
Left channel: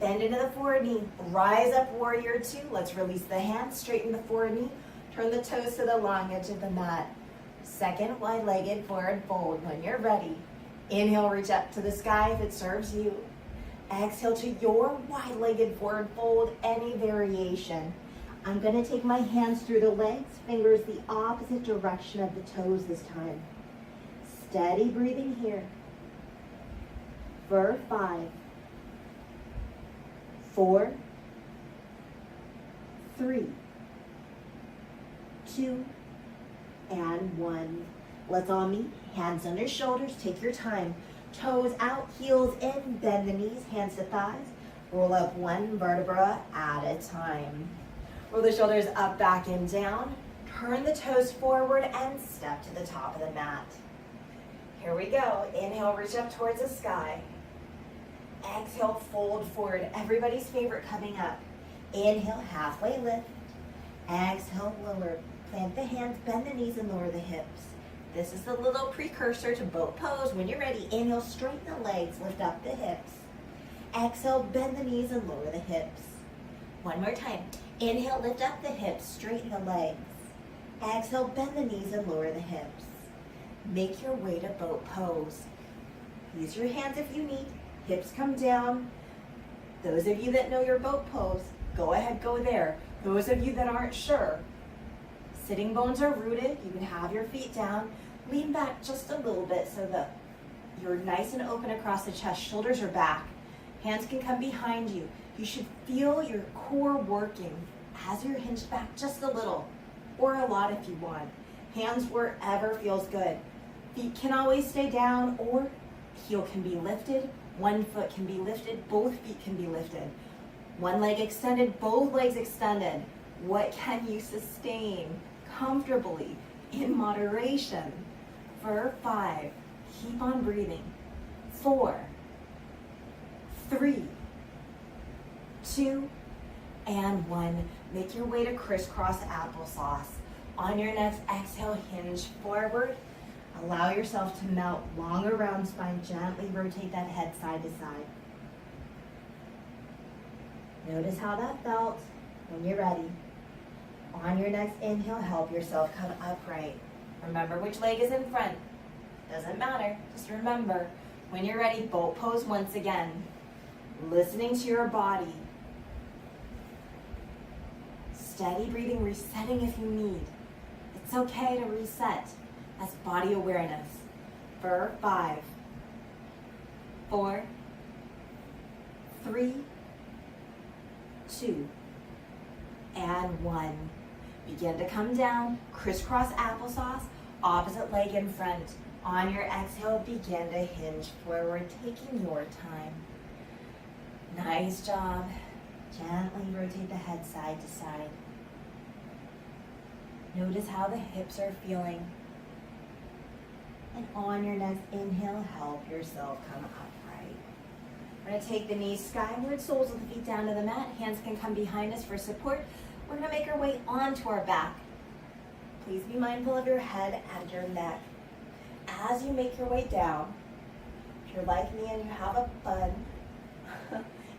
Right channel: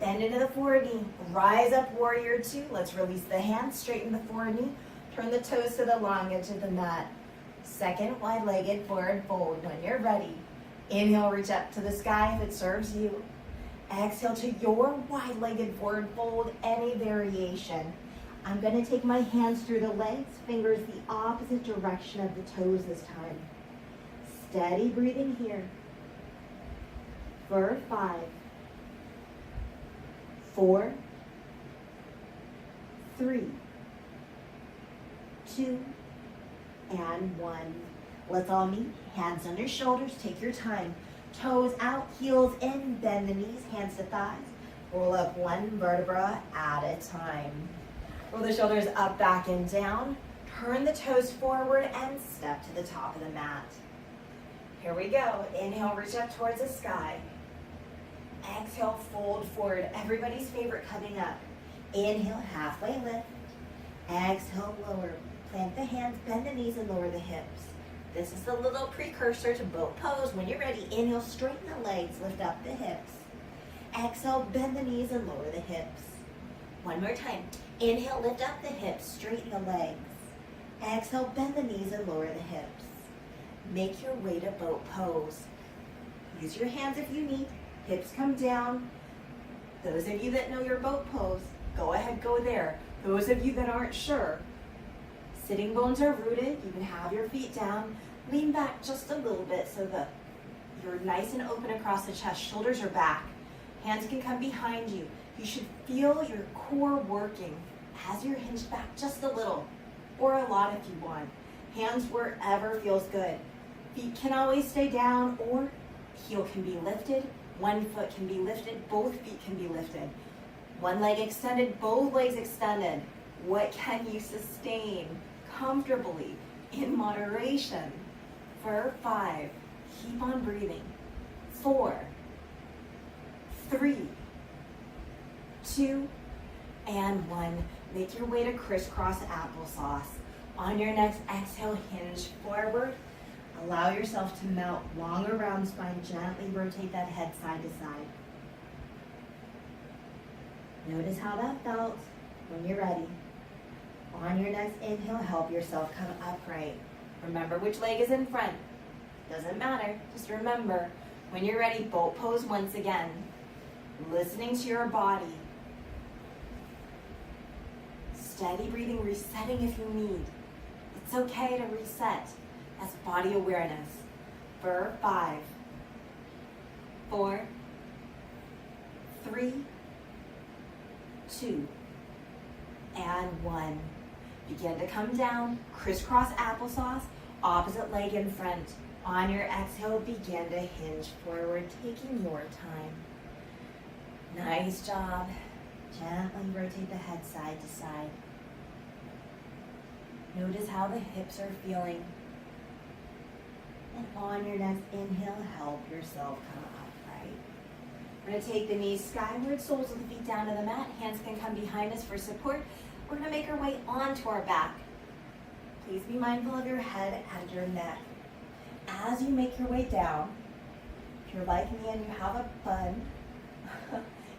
Bend into the forward knee. Rise up, warrior 2. Let's release the hands. Straighten the forward knee. Turn the toes to the long edge of the mat. Second wide-legged forward fold. When you're ready, inhale, reach up to the sky if it serves you. Exhale to your wide-legged forward fold, any variation. I'm going to take my hands through the legs, fingers the opposite direction of the toes this time. Steady breathing here. For 5, 4, 3, 2, and 1. Let's all meet. Hands under shoulders. Take your time. Toes out, heels in. Bend the knees, hands to thighs. Roll up one vertebra at a time. Roll the shoulders up, back, and down. Turn the toes forward and step to the top of the mat. Here we go. Inhale, reach up towards the sky. Exhale, fold forward. Everybody's favorite coming up. Inhale, halfway lift. Exhale, lower. Plant the hands, bend the knees, and lower the hips. This is the little precursor to boat pose. When you're ready, inhale, straighten the legs, lift up the hips. Exhale, bend the knees and lower the hips. One more time. Inhale, lift up the hips, straighten the legs. Exhale, bend the knees and lower the hips. Make your way to boat pose. Use your hands if you need. Hips come down. Those of you that know your boat pose, go ahead, go there. Those of you that aren't sure, sitting bones are rooted. You can have your feet down. Lean back just a little bit so that you're nice and open across the chest. Shoulders are back. Hands can come behind you. You should feel your core working as you're hinged back just a little, or a lot if you want. Hands wherever feels good. Feet can always stay down, or heel can be lifted. One foot can be lifted. Both feet can be lifted. One leg extended, both legs extended. What can you sustain comfortably in moderation? For 5, keep on breathing. 4, 3, 2, and 1. Make your way to crisscross applesauce. On your next exhale, hinge forward. Allow yourself to melt long around spine. Gently rotate that head side to side. Notice how that felt. When you're ready, on your next inhale, help yourself come upright. Remember which leg is in front. Doesn't matter. Just remember, when you're ready, boat pose once again. Listening to your body. Steady breathing, resetting if you need. It's okay to reset. That's body awareness. For 5, 4, 3, 2, and 1. Begin to come down, crisscross applesauce, opposite leg in front. On your exhale, begin to hinge forward, taking your time. Nice job. Gently rotate the head side to side. Notice how the hips are feeling. And on your next inhale, help yourself come upright. We're going to take the knees skyward, soles of the feet down to the mat. Hands can come behind us for support. We're going to make our way onto our back. Please be mindful of your head and your neck. As you make your way down, if you're like me and you have a bun,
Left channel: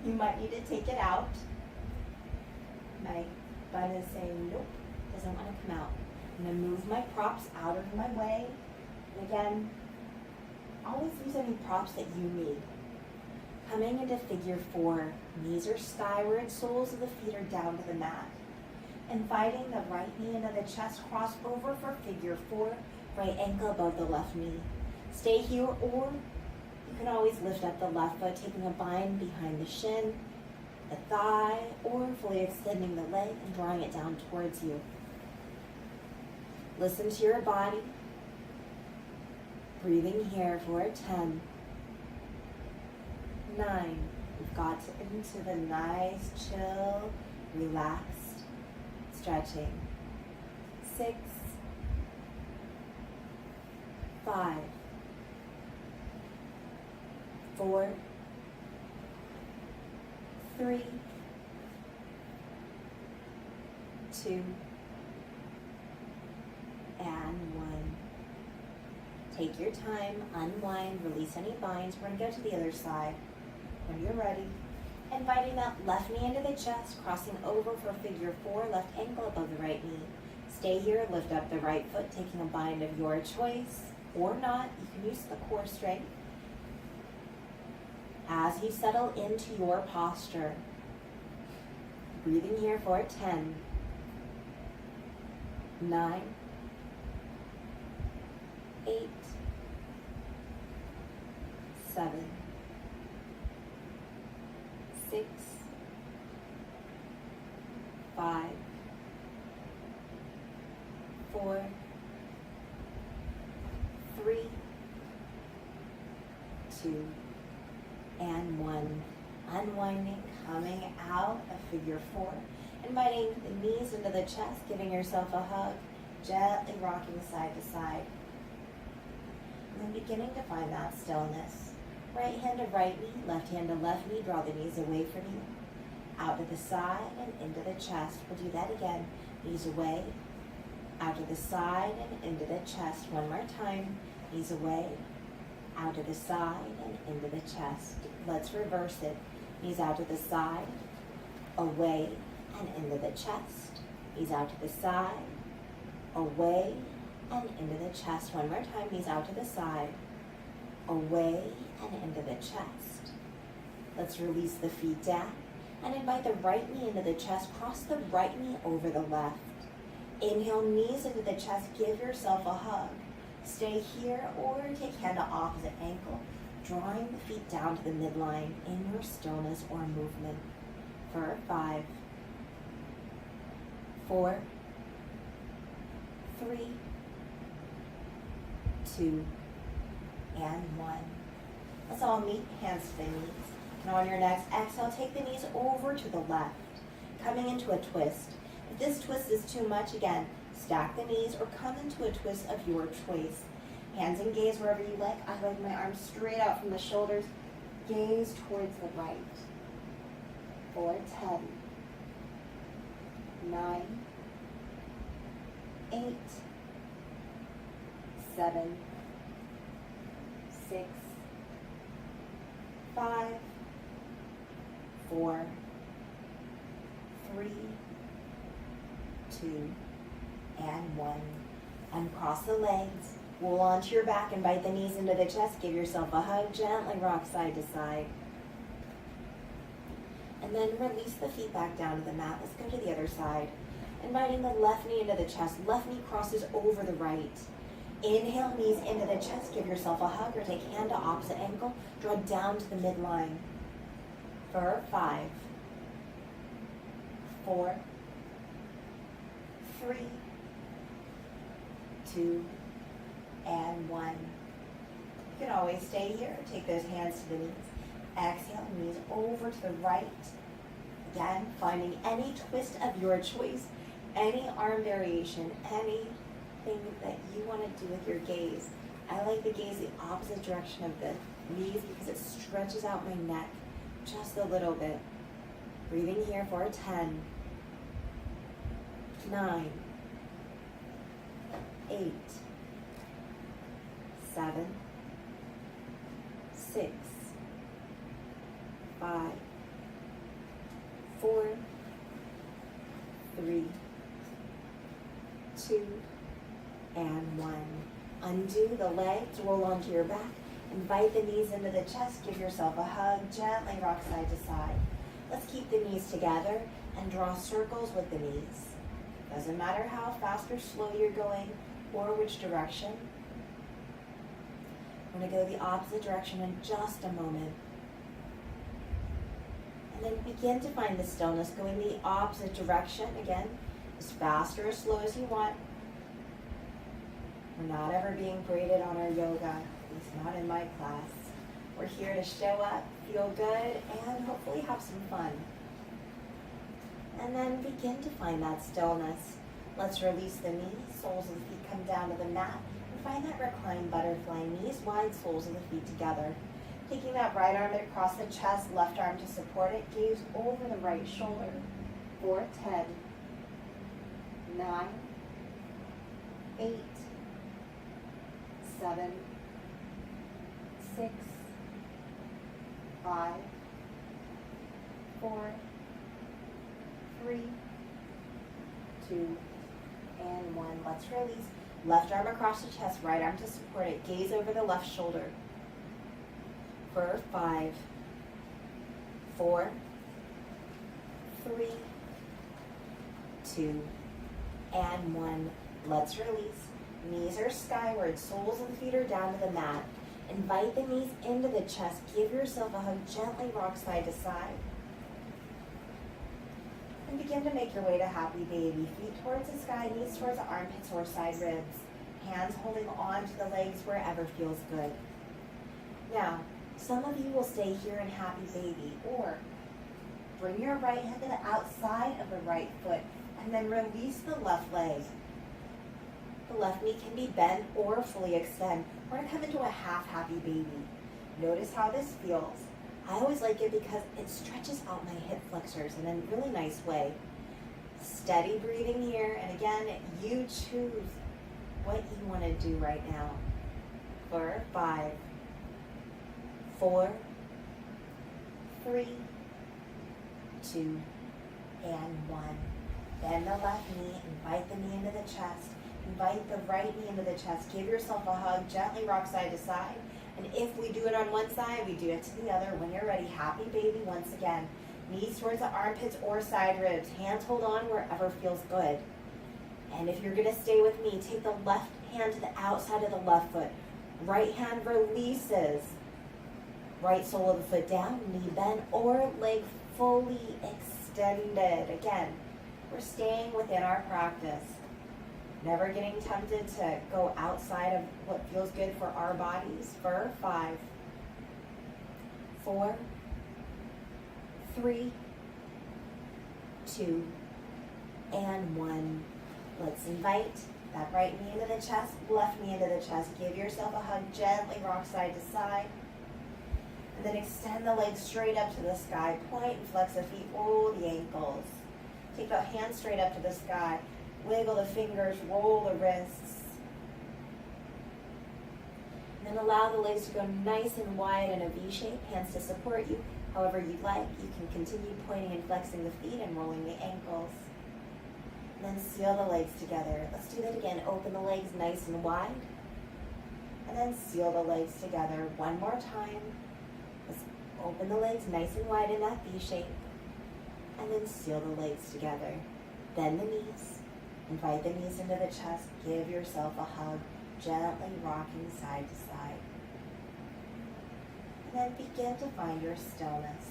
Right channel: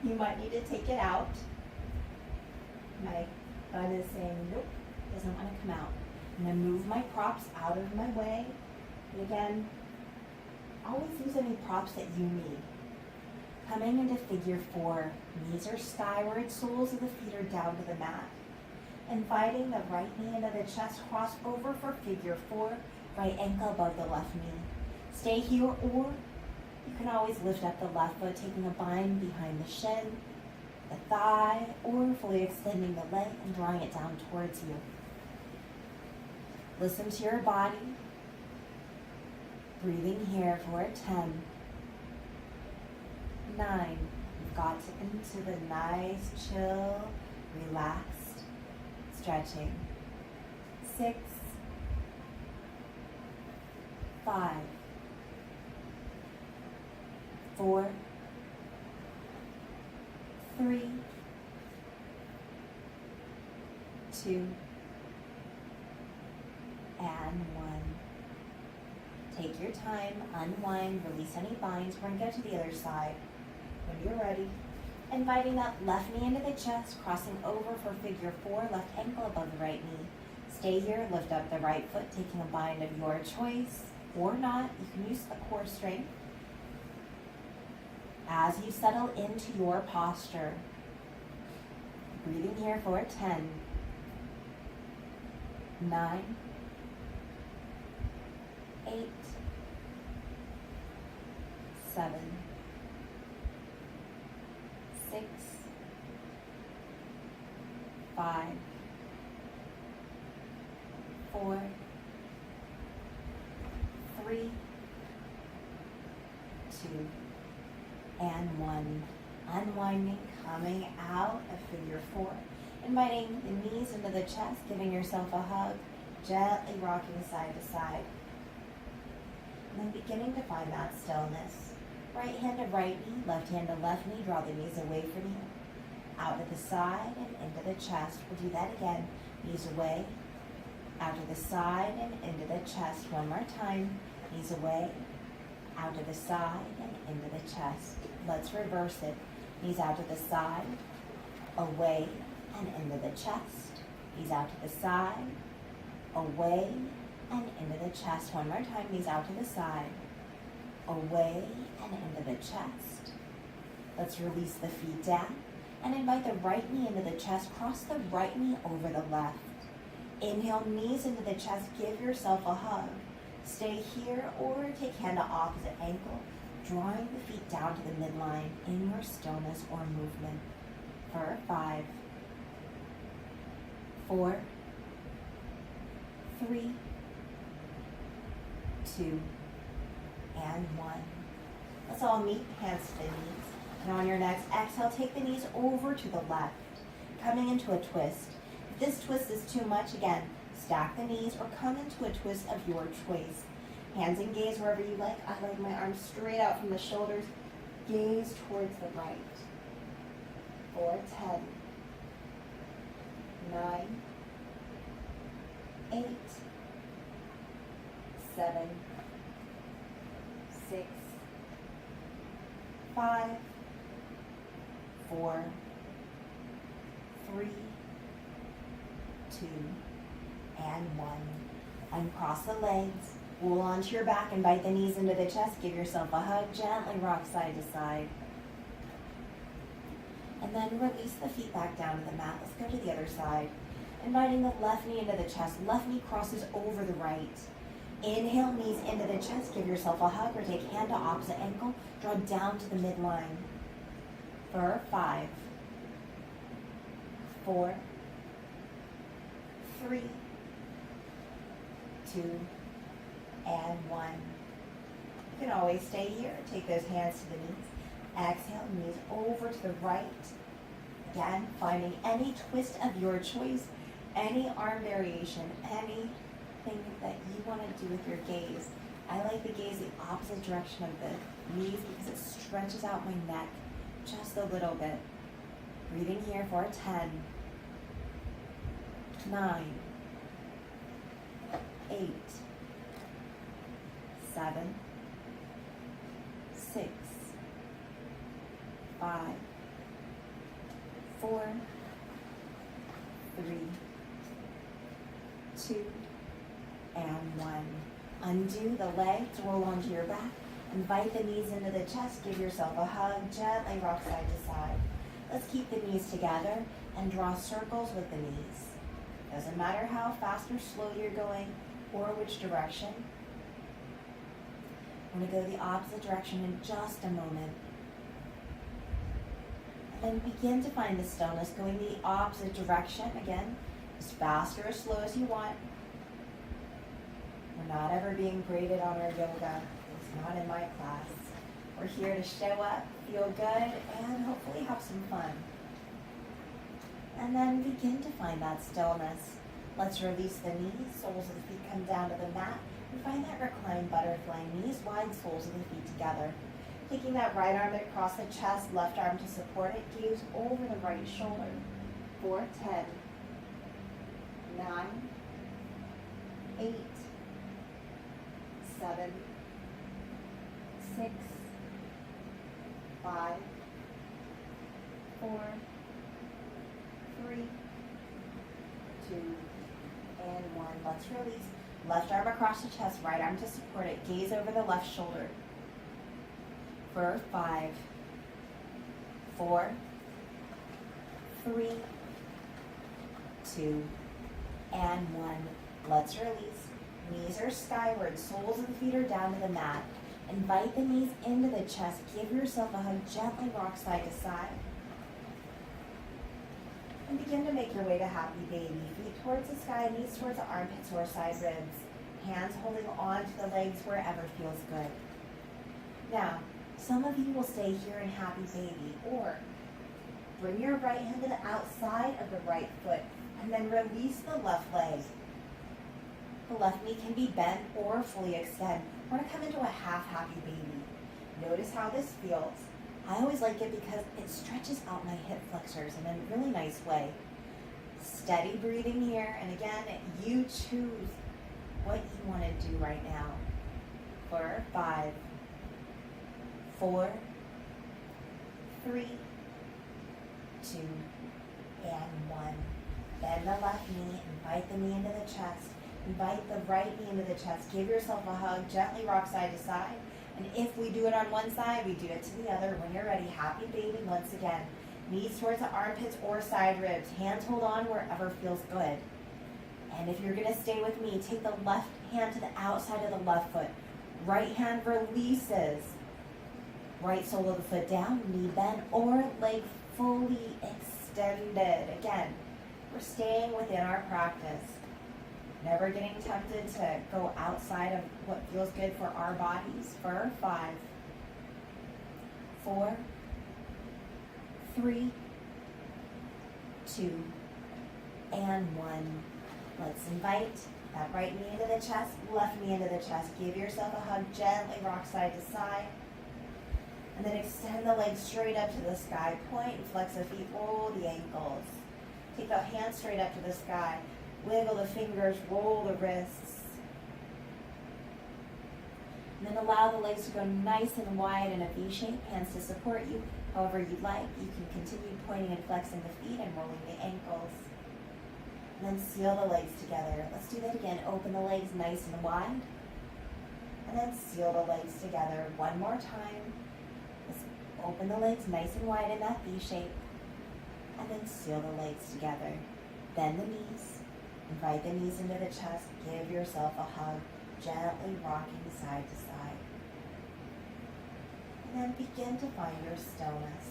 you might need to take it out. My bun is saying, nope, doesn't want to come out. I'm going to move my props out of my way. And again, always use any props that you need. Coming into figure 4, knees are skyward, soles of the feet are down to the mat. Inviting the right knee into the chest, cross over for figure 4, right ankle above the left knee. Stay here, or you can always lift up the left foot, taking a bind behind the shin, the thigh, or fully extending the leg and drawing it down towards you. Listen to your body. Breathing here for 10, 9. We've got into the nice, chill, relaxed stretching. 6, 5, 4, 3, 2, and 1. Take your time, unwind, release any binds. We're going to go to the other side. When you're ready, inviting that left knee into the chest, crossing over for figure 4, left ankle above the right knee. Stay here, lift up the right foot, taking a bind of your choice, or not. You can use the core strength. As you settle into your posture, breathing here for 10, 9, 8, 7, 6, 5, 4, 3, 2, and 1. Unwinding, coming out of figure 4. Inviting the knees into the chest, giving yourself a hug, gently rocking side to side. And then beginning to find that stillness. Right hand to right knee, left hand to left knee, draw the knees away from you. Out to the side and into the chest. We'll do that again. Knees away, out to the side and into the chest. One more time. Knees away, out to the side and into the chest. Let's reverse it. Knees out to the side, away and into the chest. Knees out to the side, away and into the chest. One more time. Knees out to the side, away and into the chest. Let's release the feet down and invite the right knee into the chest. Cross the right knee over the left. Inhale, knees into the chest. Give yourself a hug. Stay here or take hand to opposite ankle, drawing the feet down to the midline in your stillness or movement. For 5, 4, 3, 2, and 1. Let's all meet, hands to the knees. And on your next exhale, take the knees over to the left, coming into a twist. If this twist is too much, again, stack the knees or come into a twist of your choice. Hands and gaze wherever you like. I like my arms straight out from the shoulders. Gaze towards the right. For 10, 9, 8, 7, 6, 5, 4, 3, 2, and 1. Uncross the legs, roll onto your back, invite the knees into the chest, give yourself a hug, gently rock side to side. And then release the feet back down to the mat. Let's go to the other side. Inviting the left knee into the chest, left knee crosses over the right. Inhale, knees into the chest, give yourself a hug or take hand to opposite ankle, draw down to the midline. For 5, 4, 3, 2, and 1. You can always stay here. Take those hands to the knees. Exhale, knees over to the right. Again, finding any twist of your choice, any arm variation, anything that you want to do with your gaze. I like the gaze the opposite direction of the knees because it stretches out my neck just a little bit. Breathing here for 10, 9, 8, 7, 6, 5, 4, 3, 2, and 1. Undo the legs, roll onto your back, invite the knees into the chest, give yourself a hug, gently rock side to side. Let's keep the knees together and draw circles with the knees. Doesn't matter how fast or slow you're going or which direction. I'm going to go the opposite direction in just a moment. And then begin to find the stillness, going the opposite direction again, as fast or as slow as you want. We're not ever being graded on our yoga, at least not in my class. We're here to show up, feel good, and hopefully have some fun. And then begin to find that stillness. Let's release the knees, soles of the feet come down to the mat, and find that reclined butterfly, knees wide, soles of the feet together. Taking that right arm across the chest, left arm to support it, gaze over the right shoulder. 4, 10, 9, 8, 7, 6, 5, 4, 3, 2, and 1. Let's release. Left arm across the chest, right arm to support it. Gaze over the left shoulder. For 5, 4, 3, 2, and 1. Let's release. Knees are skyward, soles of the feet are down to the mat. Invite the knees into the chest. Give yourself a hug, gently rock side to side. And begin to make your way to happy baby. Feet towards the sky, knees towards the armpits or side ribs. Hands holding on to the legs wherever feels good. Now, some of you will stay here in happy baby, or bring your right hand to the outside of the right foot and then release the left leg. The left knee can be bent or fully extend. We're going to come into a half happy baby. Notice how this feels. I always like it because it stretches out my hip flexors in a really nice way. Steady breathing here, and again, you choose what you want to do right now. For 5, 4, 3, 2, and 1. Bend the left knee, invite the knee into the chest. Invite the right knee into the chest. Give yourself a hug, gently rock side to side. And if we do it on one side, we do it to the other. When you're ready, happy baby once again. Knees towards the armpits or side ribs. Hands hold on wherever feels good. And if you're going to stay with me, take the left hand to the outside of the left foot. Right hand releases. Right sole of the foot down, knee bent, or leg fully extended. Again, we're staying within our practice. Never getting tempted to go outside of what feels good for our bodies. For 5, 4, 3, 2, and 1. Let's invite that right knee into the chest, left knee into the chest. Give yourself a hug, gently rock side to side. And then extend the legs straight up to the sky. Point and flex the feet, roll the ankles. Take the hands straight up to the sky. Wiggle the fingers, roll the wrists. And And allow the legs to go nice and wide in a V shape, hands to support you. However you'd like, you can continue pointing and flexing the feet and rolling the ankles. And then seal the legs together. Let's do that again. Open the legs nice and wide. And then seal the legs together one more time. Let's open the legs nice and wide in that V shape. And then seal the legs together. Bend the knees. Invite the knees into the chest. Give yourself a hug. Gently rocking side to side. And then begin to find your stillness.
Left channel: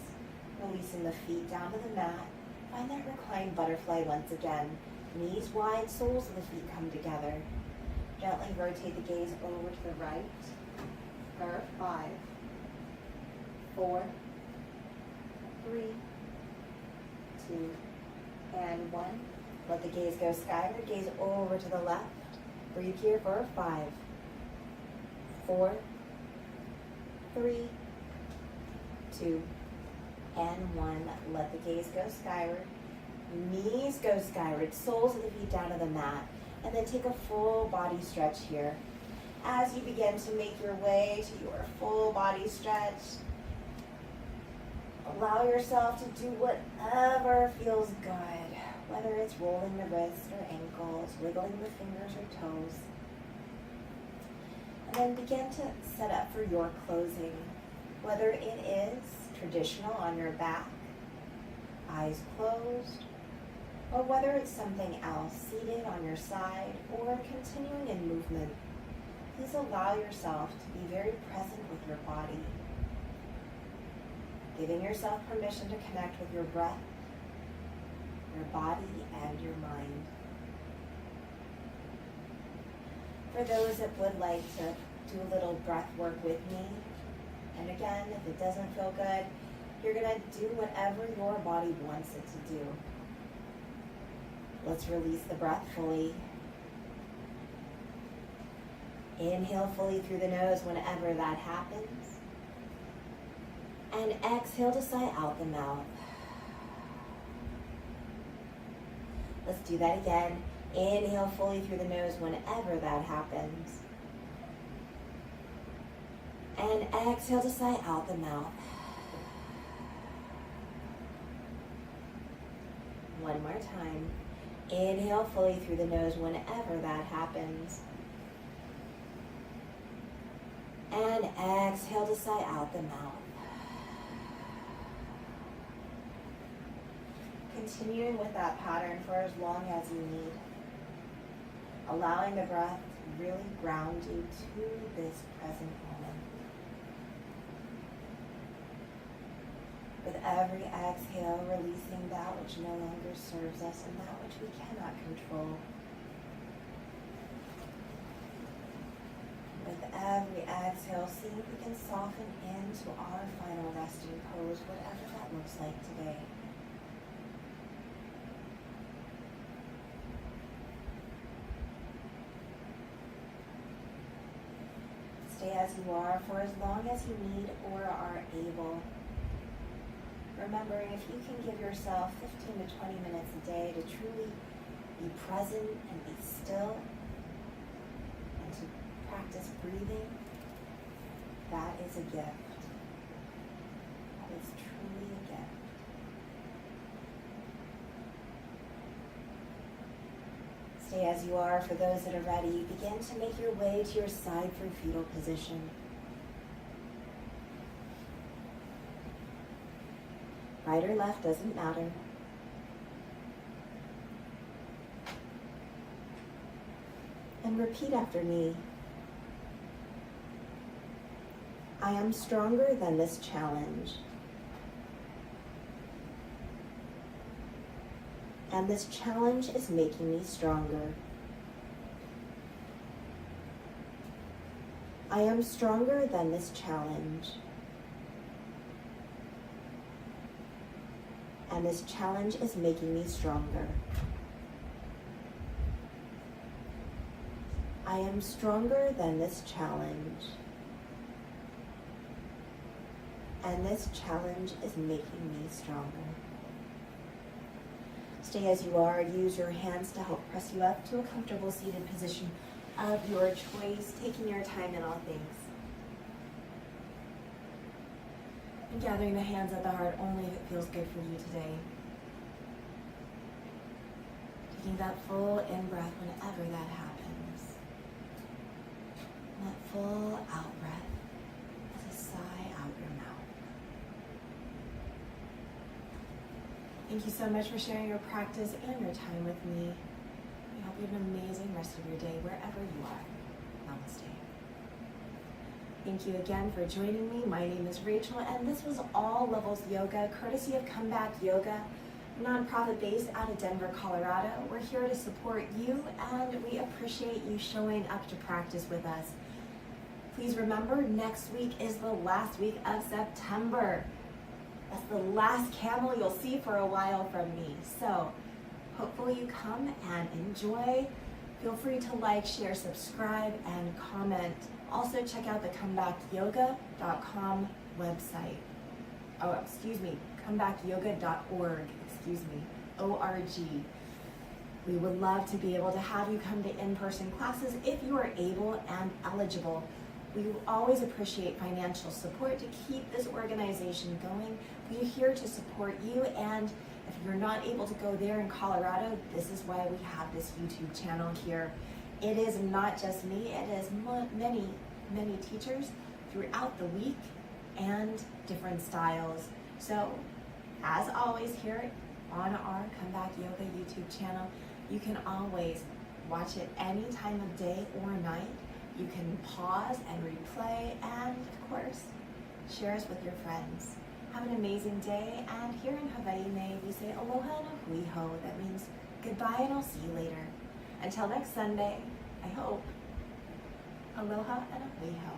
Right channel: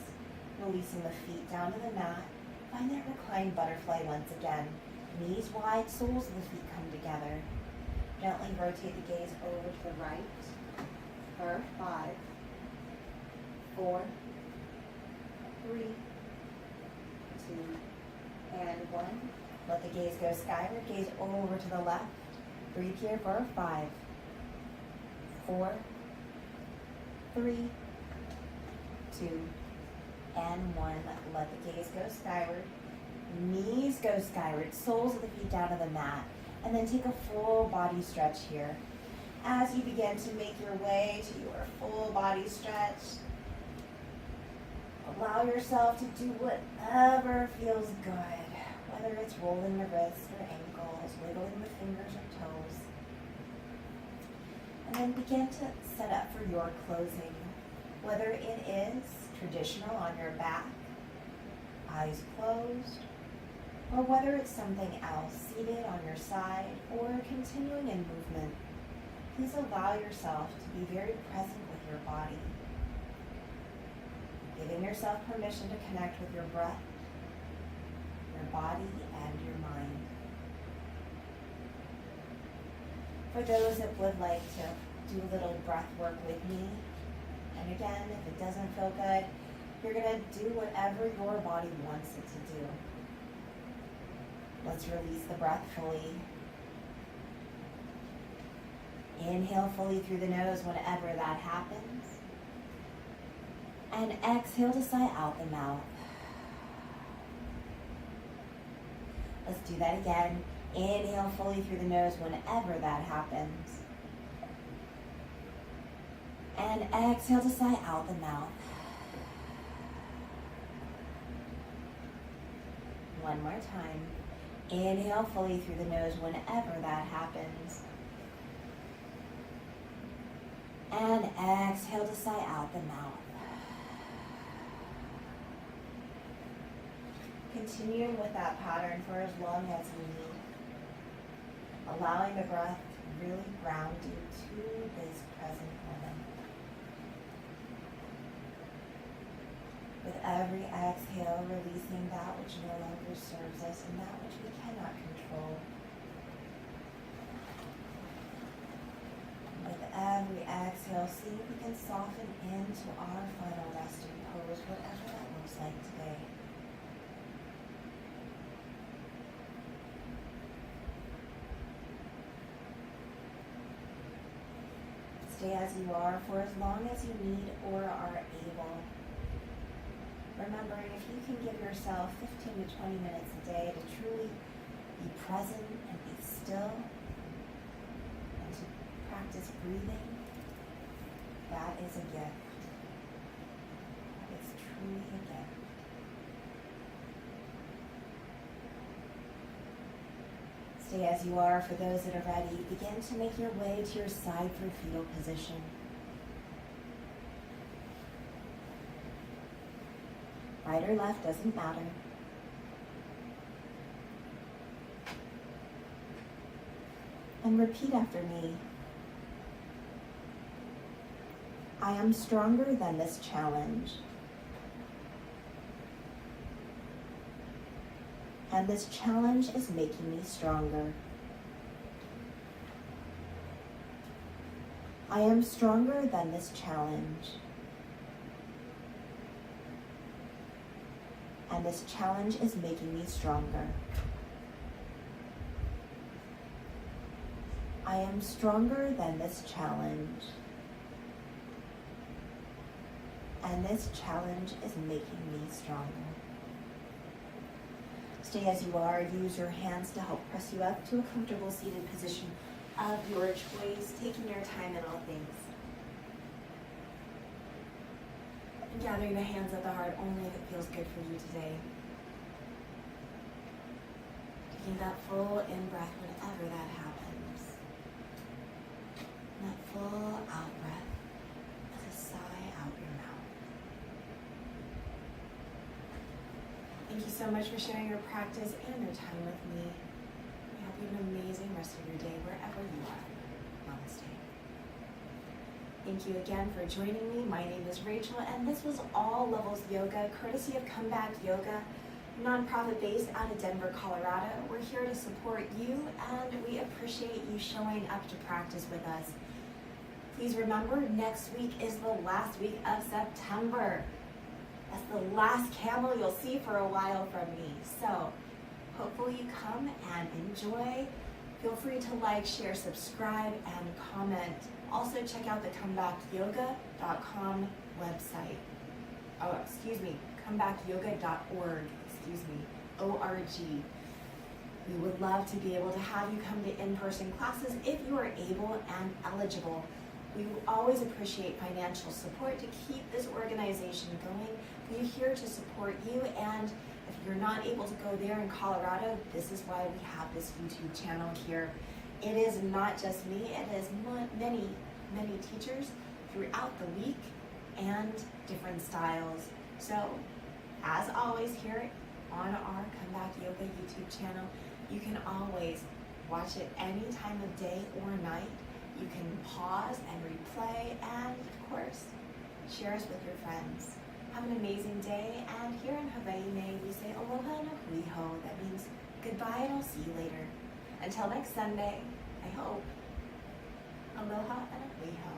Releasing the feet down to the mat. Find that reclined butterfly once again. Knees wide, soles of the feet come together. Gently rotate the gaze over to the right for 5, 4, 3, 2, and 1. Let the gaze go skyward. Gaze over to the left. Breathe here for 5, 4, 3, 2, and 1. Let the gaze go skyward. Knees go skyward. Soles of the feet down to the mat. And then take a full body stretch here. As you begin to make your way to your full body stretch, allow yourself to do whatever feels good. Whether it's rolling the wrists or ankles, wiggling the fingers or toes. And then begin to set up for your closing. Whether it is traditional on your back, eyes closed, or whether it's something else, seated on your side or continuing in movement. Please allow yourself to be very present with your body. Giving yourself permission to connect with your breath, your body, and your mind. For those that would like to do a little breath work with me, and again, if it doesn't feel good, you're going to do whatever your body wants it to do. Let's release the breath fully. Inhale fully through the nose whenever that happens. And exhale to sigh out the mouth. Let's do that again. Inhale fully through the nose whenever that happens. And exhale to sigh out the mouth. One more time. Inhale fully through the nose whenever that happens. And exhale to sigh out the mouth. Continuing with that pattern for as long as you need. Allowing the breath to really ground you to this present moment. With every exhale, releasing that which no longer serves us and that which we cannot control. With every exhale, see if we can soften into our final resting pose, whatever that looks like today. Stay as you are for as long as you need or are able. Remembering if you can give yourself 15 to 20 minutes a day to truly be present and be still and to practice breathing, that is a gift. That is truly a gift. Stay as you are. For those that are ready, begin to make your way to your side through fetal position. Right or left doesn't matter. And repeat after me. I am stronger than this challenge. And this challenge is making me stronger. I am stronger than this challenge. And this challenge is making me stronger. I am stronger than this challenge. And this challenge is making me stronger. Stay as you are. Use your hands to help press you up to a comfortable seated position of your choice, taking your time in all things. Gathering the hands at the heart only if it feels good for you today. Taking that full in-breath whenever that happens. And that full out-breath as a sigh out your mouth. Thank you so much for sharing your practice and your time with me. I hope you have an amazing rest of your day wherever you are. Namaste. Thank you again for joining me. My name is Rachel, and this was All Levels Yoga, courtesy of Comeback Yoga, nonprofit based out of Denver, Colorado. We're here to support you, and we appreciate you showing up to practice with us. Please remember, next week is the last week of September. That's the last camel you'll see for a while from me. So hopefully you come and enjoy. Feel free to like, share, subscribe, and comment. Also check out the comebackyoga.com website. Oh, excuse me, comebackyoga.org, O-R-G. We would love to be able to have you come to in-person classes if you are able and eligible. We will always appreciate financial support to keep this organization going. We're here to support you, and if you're not able to go there in Colorado, this is why we have this YouTube channel here. It is not just me, it is many, many teachers throughout the week and different styles. So, as always, here on our Comeback Yoga YouTube channel, you can always watch it any time of day or night. You can pause and replay, and of course, share us with your friends. Have an amazing day, and here in Hawaii, we say aloha and a hui ho. That means goodbye, and I'll see you later. Until next Sunday, I hope. Aloha and a hui ho.